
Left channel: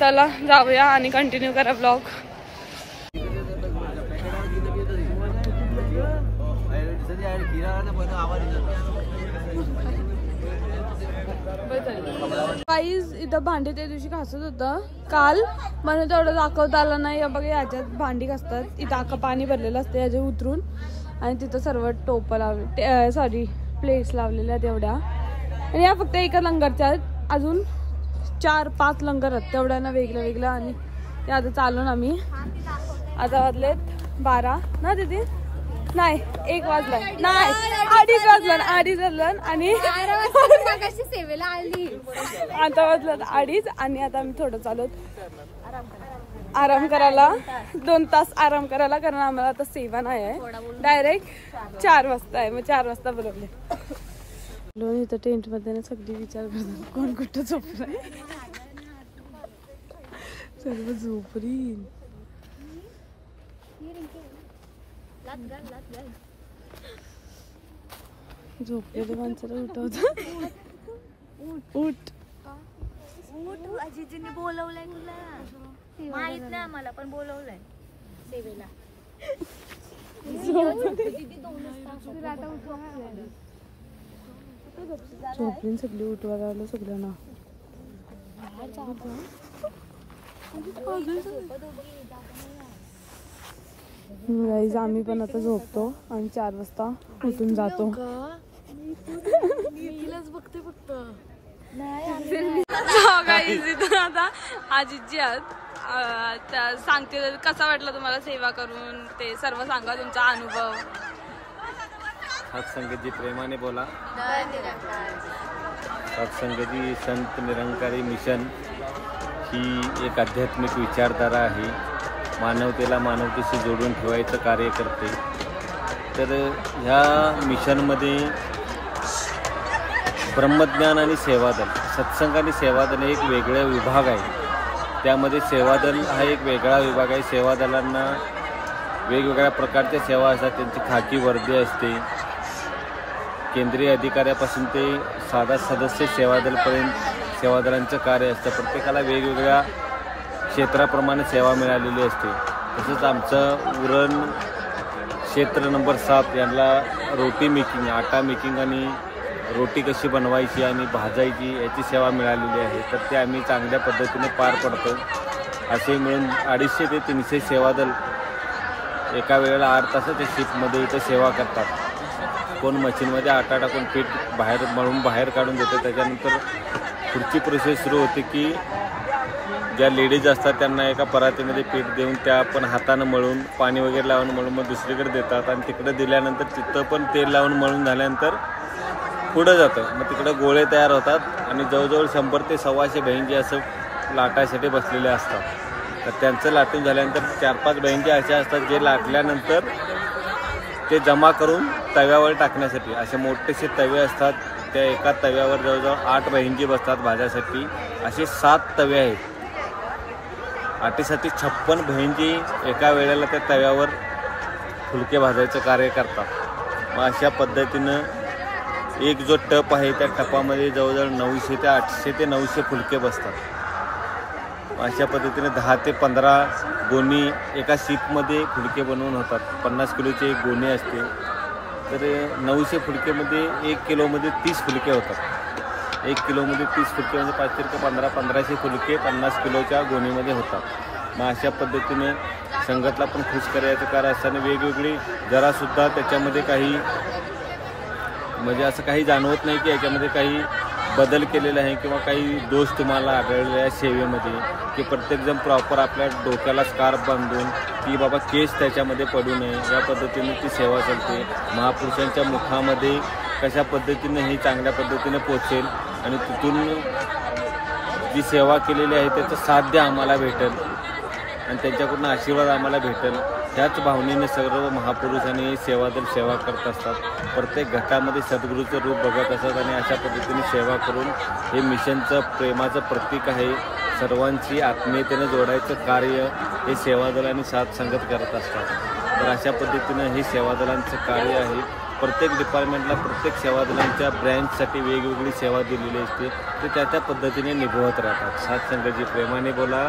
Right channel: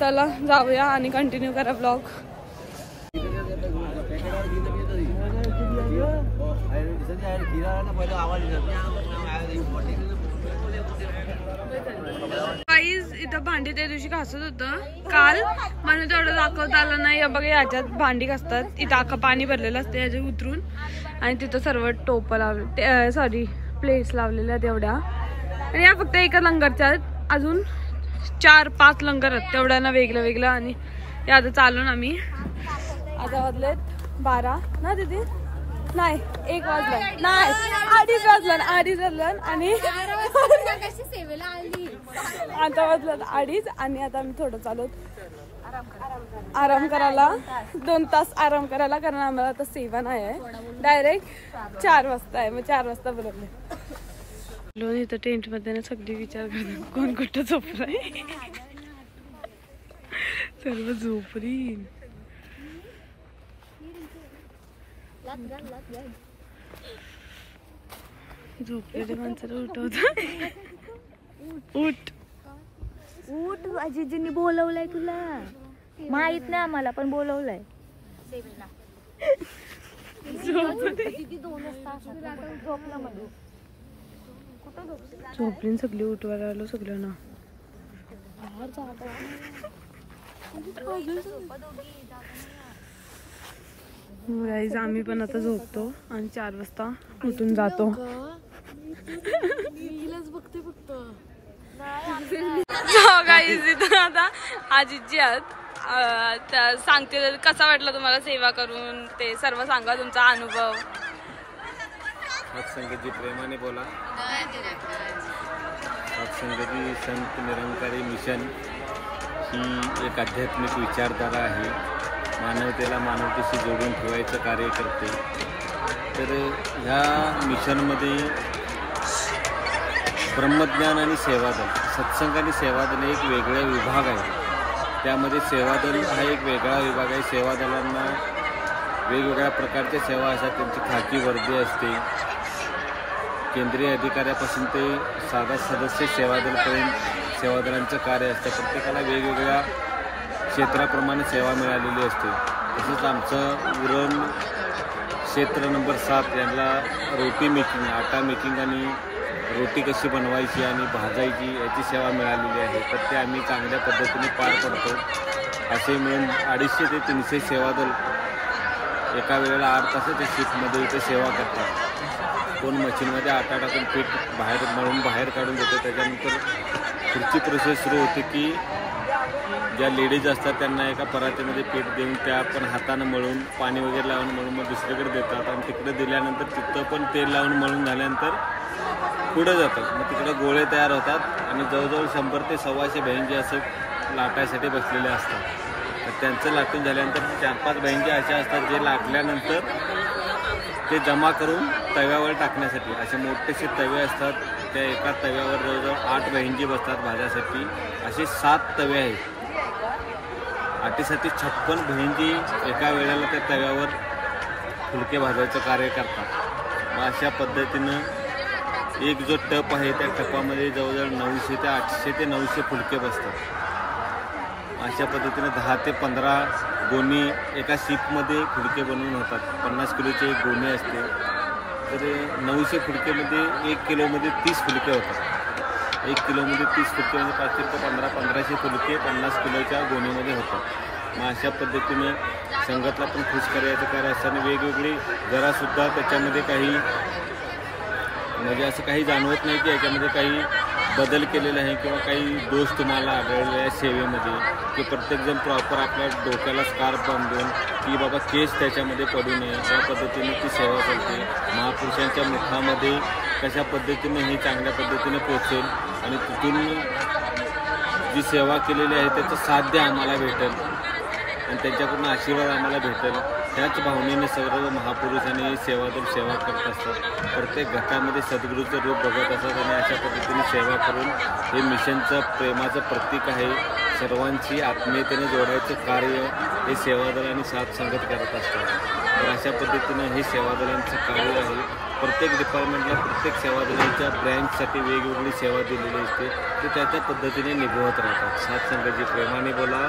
चला जाऊया आणि कंटिन्यू करा ब्लॉग. गाईज इथं भांडी त्या दिवशी घासत होतं काल, म्हणून तेवढं दाखवता आलं नाही. बघा याच्यात भांडी घासतात, इथं अख्खं पाणी भरलेलं असतं याच्या उतरून, आणि तिथं सर्व टोपं लावले, सॉरी प्लेट्स लावलेल्या तेवढ्या. आणि या फक्त एका लंगरच्या आहेत, अजून 4-5 लंगर आहेत तेवढ्यांना वेगळं वेगळं. आणि ते आता चालून आम्ही आता वाजलेत 12 ना तिथे, नाही 1 वाजलाय, नाही 2:30 वाजलं आणि सेवेला आली. आता वाजलं 2:30 आणि आता आम्ही थोडं चालू आराम करायला, 2 तास आराम करायला, कारण आम्हाला आता सेवा नाही आहे, डायरेक्ट 4 वाजता आहे. मग 4 वाजता बोलवले. इथं टेंट मध्ये ना सगळी विचार करतात कोण कुठं झोपलाय, सर्व झोपरी. झोपलेले माणसाला उठवत. उठ उठ, आजीजींनी बोलवलंय तुला, माहित नाही आम्हाला, पण बोलवलंय. झोपली सगळी, उठवायला आलो सगळ्यांना. गाईज आम्ही पण आता झोपतो आणि 4 वाजता उठून जातो. गाईज इथं आता आजीजी आहेत, सांगते कसा वाटला तुम्हाला सेवा करून, ते सर्व सांगा तुमचा अनुभव. सत्संगजी प्रेमाने बोला. सत्संगजी संत निरंकारी मिशन ही एक आध्यात्मिक विचारधारा आहे, मानवतेला मानवतेशी जोडून ठेवायचं कार्य करते. तर ह्या मिशनमध्ये ब्रह्मज्ञान आणि सेवादल, सत्संग आणि सेवादल एक वेगळा विभाग आहे. त्यामध्ये सेवादल हा एक वेगळा विभाग आहे. सेवादलांना वेगवेगळ्या प्रकारच्या सेवा असतात, त्यांची खाकी वर्दी असते. केंद्रीय अधिकाऱ्यापासून ते साधा सदस्य सेवादलपर्यंत सेवादलांचं कार्य असतं. प्रत्येकाला वेगवेगळ्या क्षेत्राप्रमाणे सेवा मिळालेली असते. तसंच आमचं उरण क्षेत्र नंबर 7 यांना रोटी मेकिंग, आटा मेकिंग आणि रोटी कशी बनवायची आणि भाजायची याची सेवा मिळालेली आहे. तर ते आम्ही चांगल्या पद्धतीने पार पडतो. असे मिळून 250 ते 300 सेवादल एका वेळेला 8 तासाच्या शिफ्टमध्ये इथं सेवा करतात. कोण मशीनमध्ये आटा टाकून पीठ बाहेर मळून बाहेर काढून देतं. त्याच्यानंतर पुढची प्रोसेस सुरू होते की ज्या लेडीज असतात त्यांना एका परातीमध्ये पीठ देऊन त्या आपण हातानं मळून पाणी वगैरे लावून मळून मग दुसरीकडे देतात. आणि तिकडे दिल्यानंतर तिथं पण तेल लावून मळून झाल्यानंतर पुढं जातं. मग तिकडे गोळे तयार होतात आणि जवळजवळ 100 ते 125 बहिणी असं लाटायसाठी बसलेले असतात. तर त्यांचं लाटून झाल्यानंतर 4-5 बहिंगे अशा असतात जे लाटल्यानंतर ते जमा करून तव्यावर टाकण्यासाठी असे मोठेसे तवे असतात. त्या एका तव्यावर जवळजवळ 8 बहिंगे बसतात भाजासाठी. असे 7 तवे आहेत. आटीसाठी 56 बहिंगे एका वेळेला त्या तव्यावर फुलके भाजायचं कार्य करतात. मग अशा पद्धतीनं एक जो टप आहे त्या टपामध्ये जवळजवळ 900 ते 800 ते 900 फुलके बसतात. अशा पद्धतीने 10 ते 15 गोणी एका शीपमध्ये फुलके बनवून होतात. 50 किलोची एक गोणी असते. तर 900 फुलकेमध्ये 1 किलोमध्ये 30 फुलके होतात. 1 किलोमध्ये 30 फुलके म्हणजे 515-1500 फुलके 50 किलोच्या गोणीमध्ये होतात. मग अशा पद्धतीने संगतला पण खुश करायचं कारण असताना वेगवेगळी जरासुद्धा त्याच्यामध्ये काही म्हणजे असं काही जाणवत नाही की याच्यामध्ये काही बदल केलेला आहे किंवा काही दोष तुम्हाला आढळलेला आहे सेवेमध्ये, की प्रत्येकजण प्रॉपर आपल्या डोक्याला स्कार्फ बांधून की बाबा केस त्याच्यामध्ये पडू नये या पद्धतीने ती सेवा चालते. महापुरुषांच्या मुखामध्ये कशा पद्धतीने ही चांगल्या पद्धतीने पोचेल आणि तिथून जी सेवा केलेली आहे त्याचं साध्य आम्हाला भेटेल आणि त्यांच्याकडून आशीर्वाद आम्हाला भेटेल. त्याच भावनेने सर्व महापुरुषांनी सेवादल सेवा करत असतात. प्रत्येक घटामध्ये सद्गुरूचं रूप बघत असतात आणि अशा पद्धतीने सेवा करून हे मिशनचं प्रेमाचं प्रतीक आहे. सर्वांची आत्मीयतेने जोडायचं कार्य हे सेवादल आणि साथ संगत करत असतात. तर अशा पद्धतीने हे सेवादलांचं कार्य आहे. प्रत्येक डिपार्टमेंटला प्रत्येक सेवादलांच्या ब्रँचसाठी वेगवेगळी सेवा दिलेली असते. ते त्या पद्धतीने निभवत राहतात. साथ संगतजी प्रेमाने बोला.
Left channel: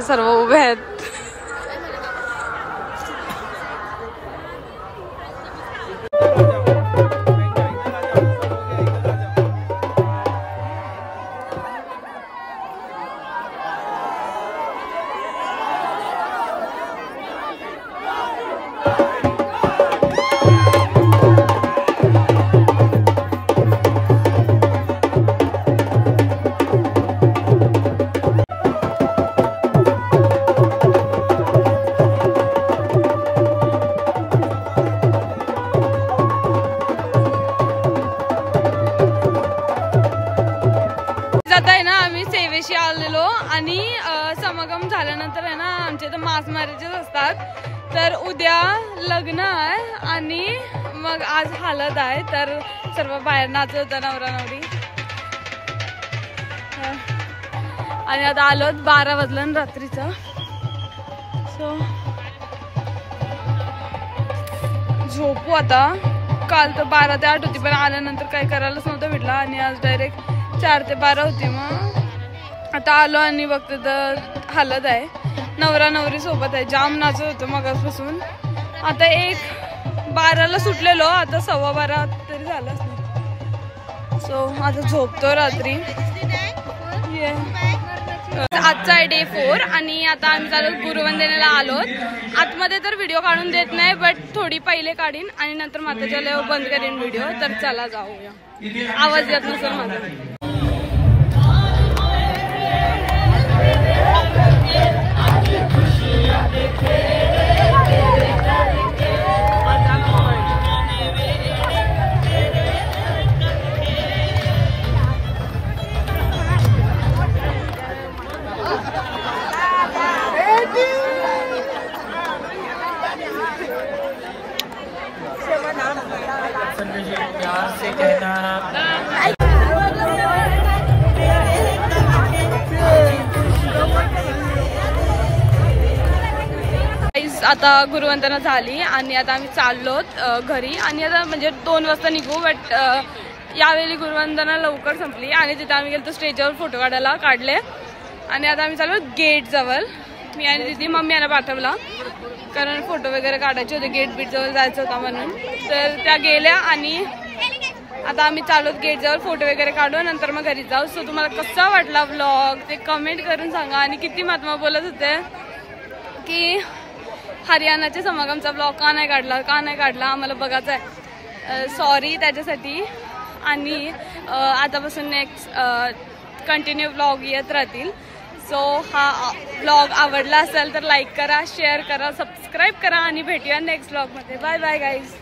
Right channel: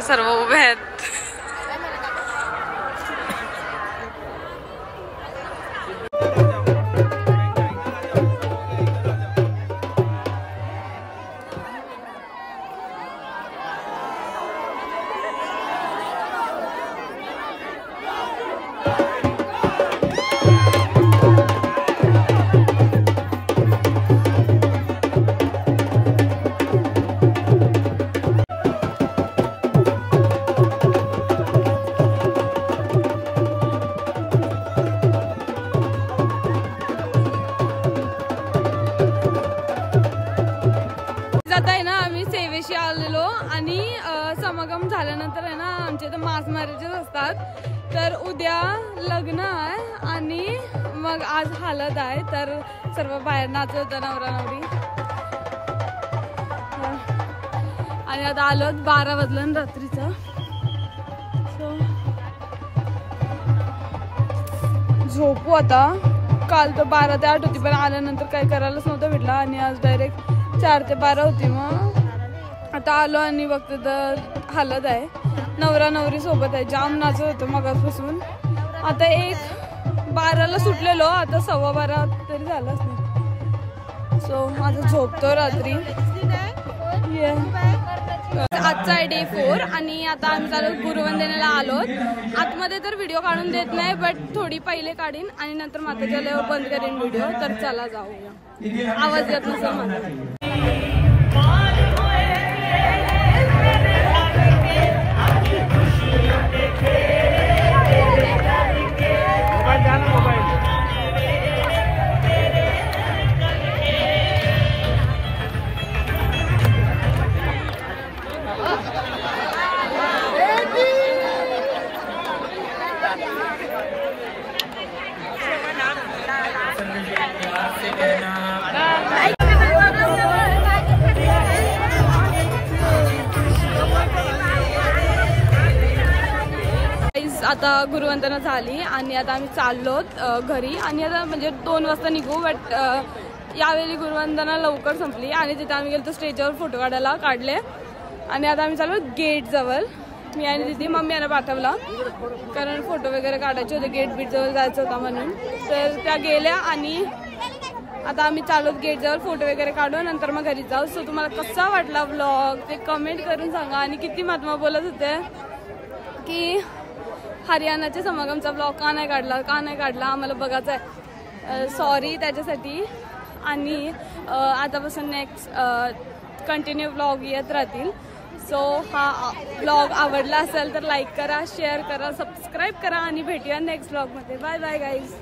सर्व उभे आहेत. सेवेशी आलेलो आणि समागम झाल्यानंतर आहे ना आमच्या इथं मास मॅरेजेस असतात. तर उद्या लग्न आहे आणि मग आज हळद आहे. तर सर्व बाहेर नाचत होता नवरा नवरी. आणि आता आलो 12 वाजलं रात्रीचं. सो झोपू आता. काल तर 12 ते 8 होती पण आल्यानंतर काही करायलाच नव्हतं भेटला आणि आज डायरेक्ट 4 ते 12 होती. मग आता आलो आणि बघते तर हळद आहे. नवरा नवरी सोबत आहे. जाम नाचत होतं मगापासून. आता 12ला सुटलेलो. आता 12:15 तरी झालंच नाही. सो आता झोपतो रात्री. आजचा आहे डे 4 आणि आता आम्ही चालू गुरुवंदनेला आलोत. आतमध्ये तर व्हिडिओ काढून देत नाही बट थोडी पहिले काढीन आणि नंतर माताच्या लय बंद करीन व्हिडिओ. तर चला जाऊया. आवाज येत नसेल माझा. आता गुरुवंदना झाली आणि आता आम्ही चाललोत घरी आणि आता म्हणजे 2 वाजता निघू. बट यावेळी गुरुवंदना लवकर संपली आणि तिथे आम्ही गेलो स्टेजवर फोटो काढले आणि आता आम्ही चाललो गेट जवळ. मी आणि दीदी मम्मी यांना पाठवला कारण फोटो वगैरे काढायचे होते. गेट बीट जवळ जायचं होता म्हणून. तर त्या गेल्या आणि आता आम्ही चाललोत गेट जवळ फोटो वगैरे काढू नंतर मग घरी जाऊ. सो तुम्हाला कसा वाटला व्लॉग ते कमेंट करून सांगा. आणि किती महात्मा बोलत होते की हरियाणाच्या समागमचा ब्लॉग का नाही काढला आम्हाला बघायचा आहे. सॉरी त्याच्यासाठी. आणि आतापासून नेक्स्ट कंटिन्यू ब्लॉग येत राहतील. सो हा ब्लॉग आवडला असेल तर लाईक करा, शेअर करा, सबस्क्राईब करा आणि भेटूया नेक्स्ट ब्लॉगमध्ये. Bye bye guys.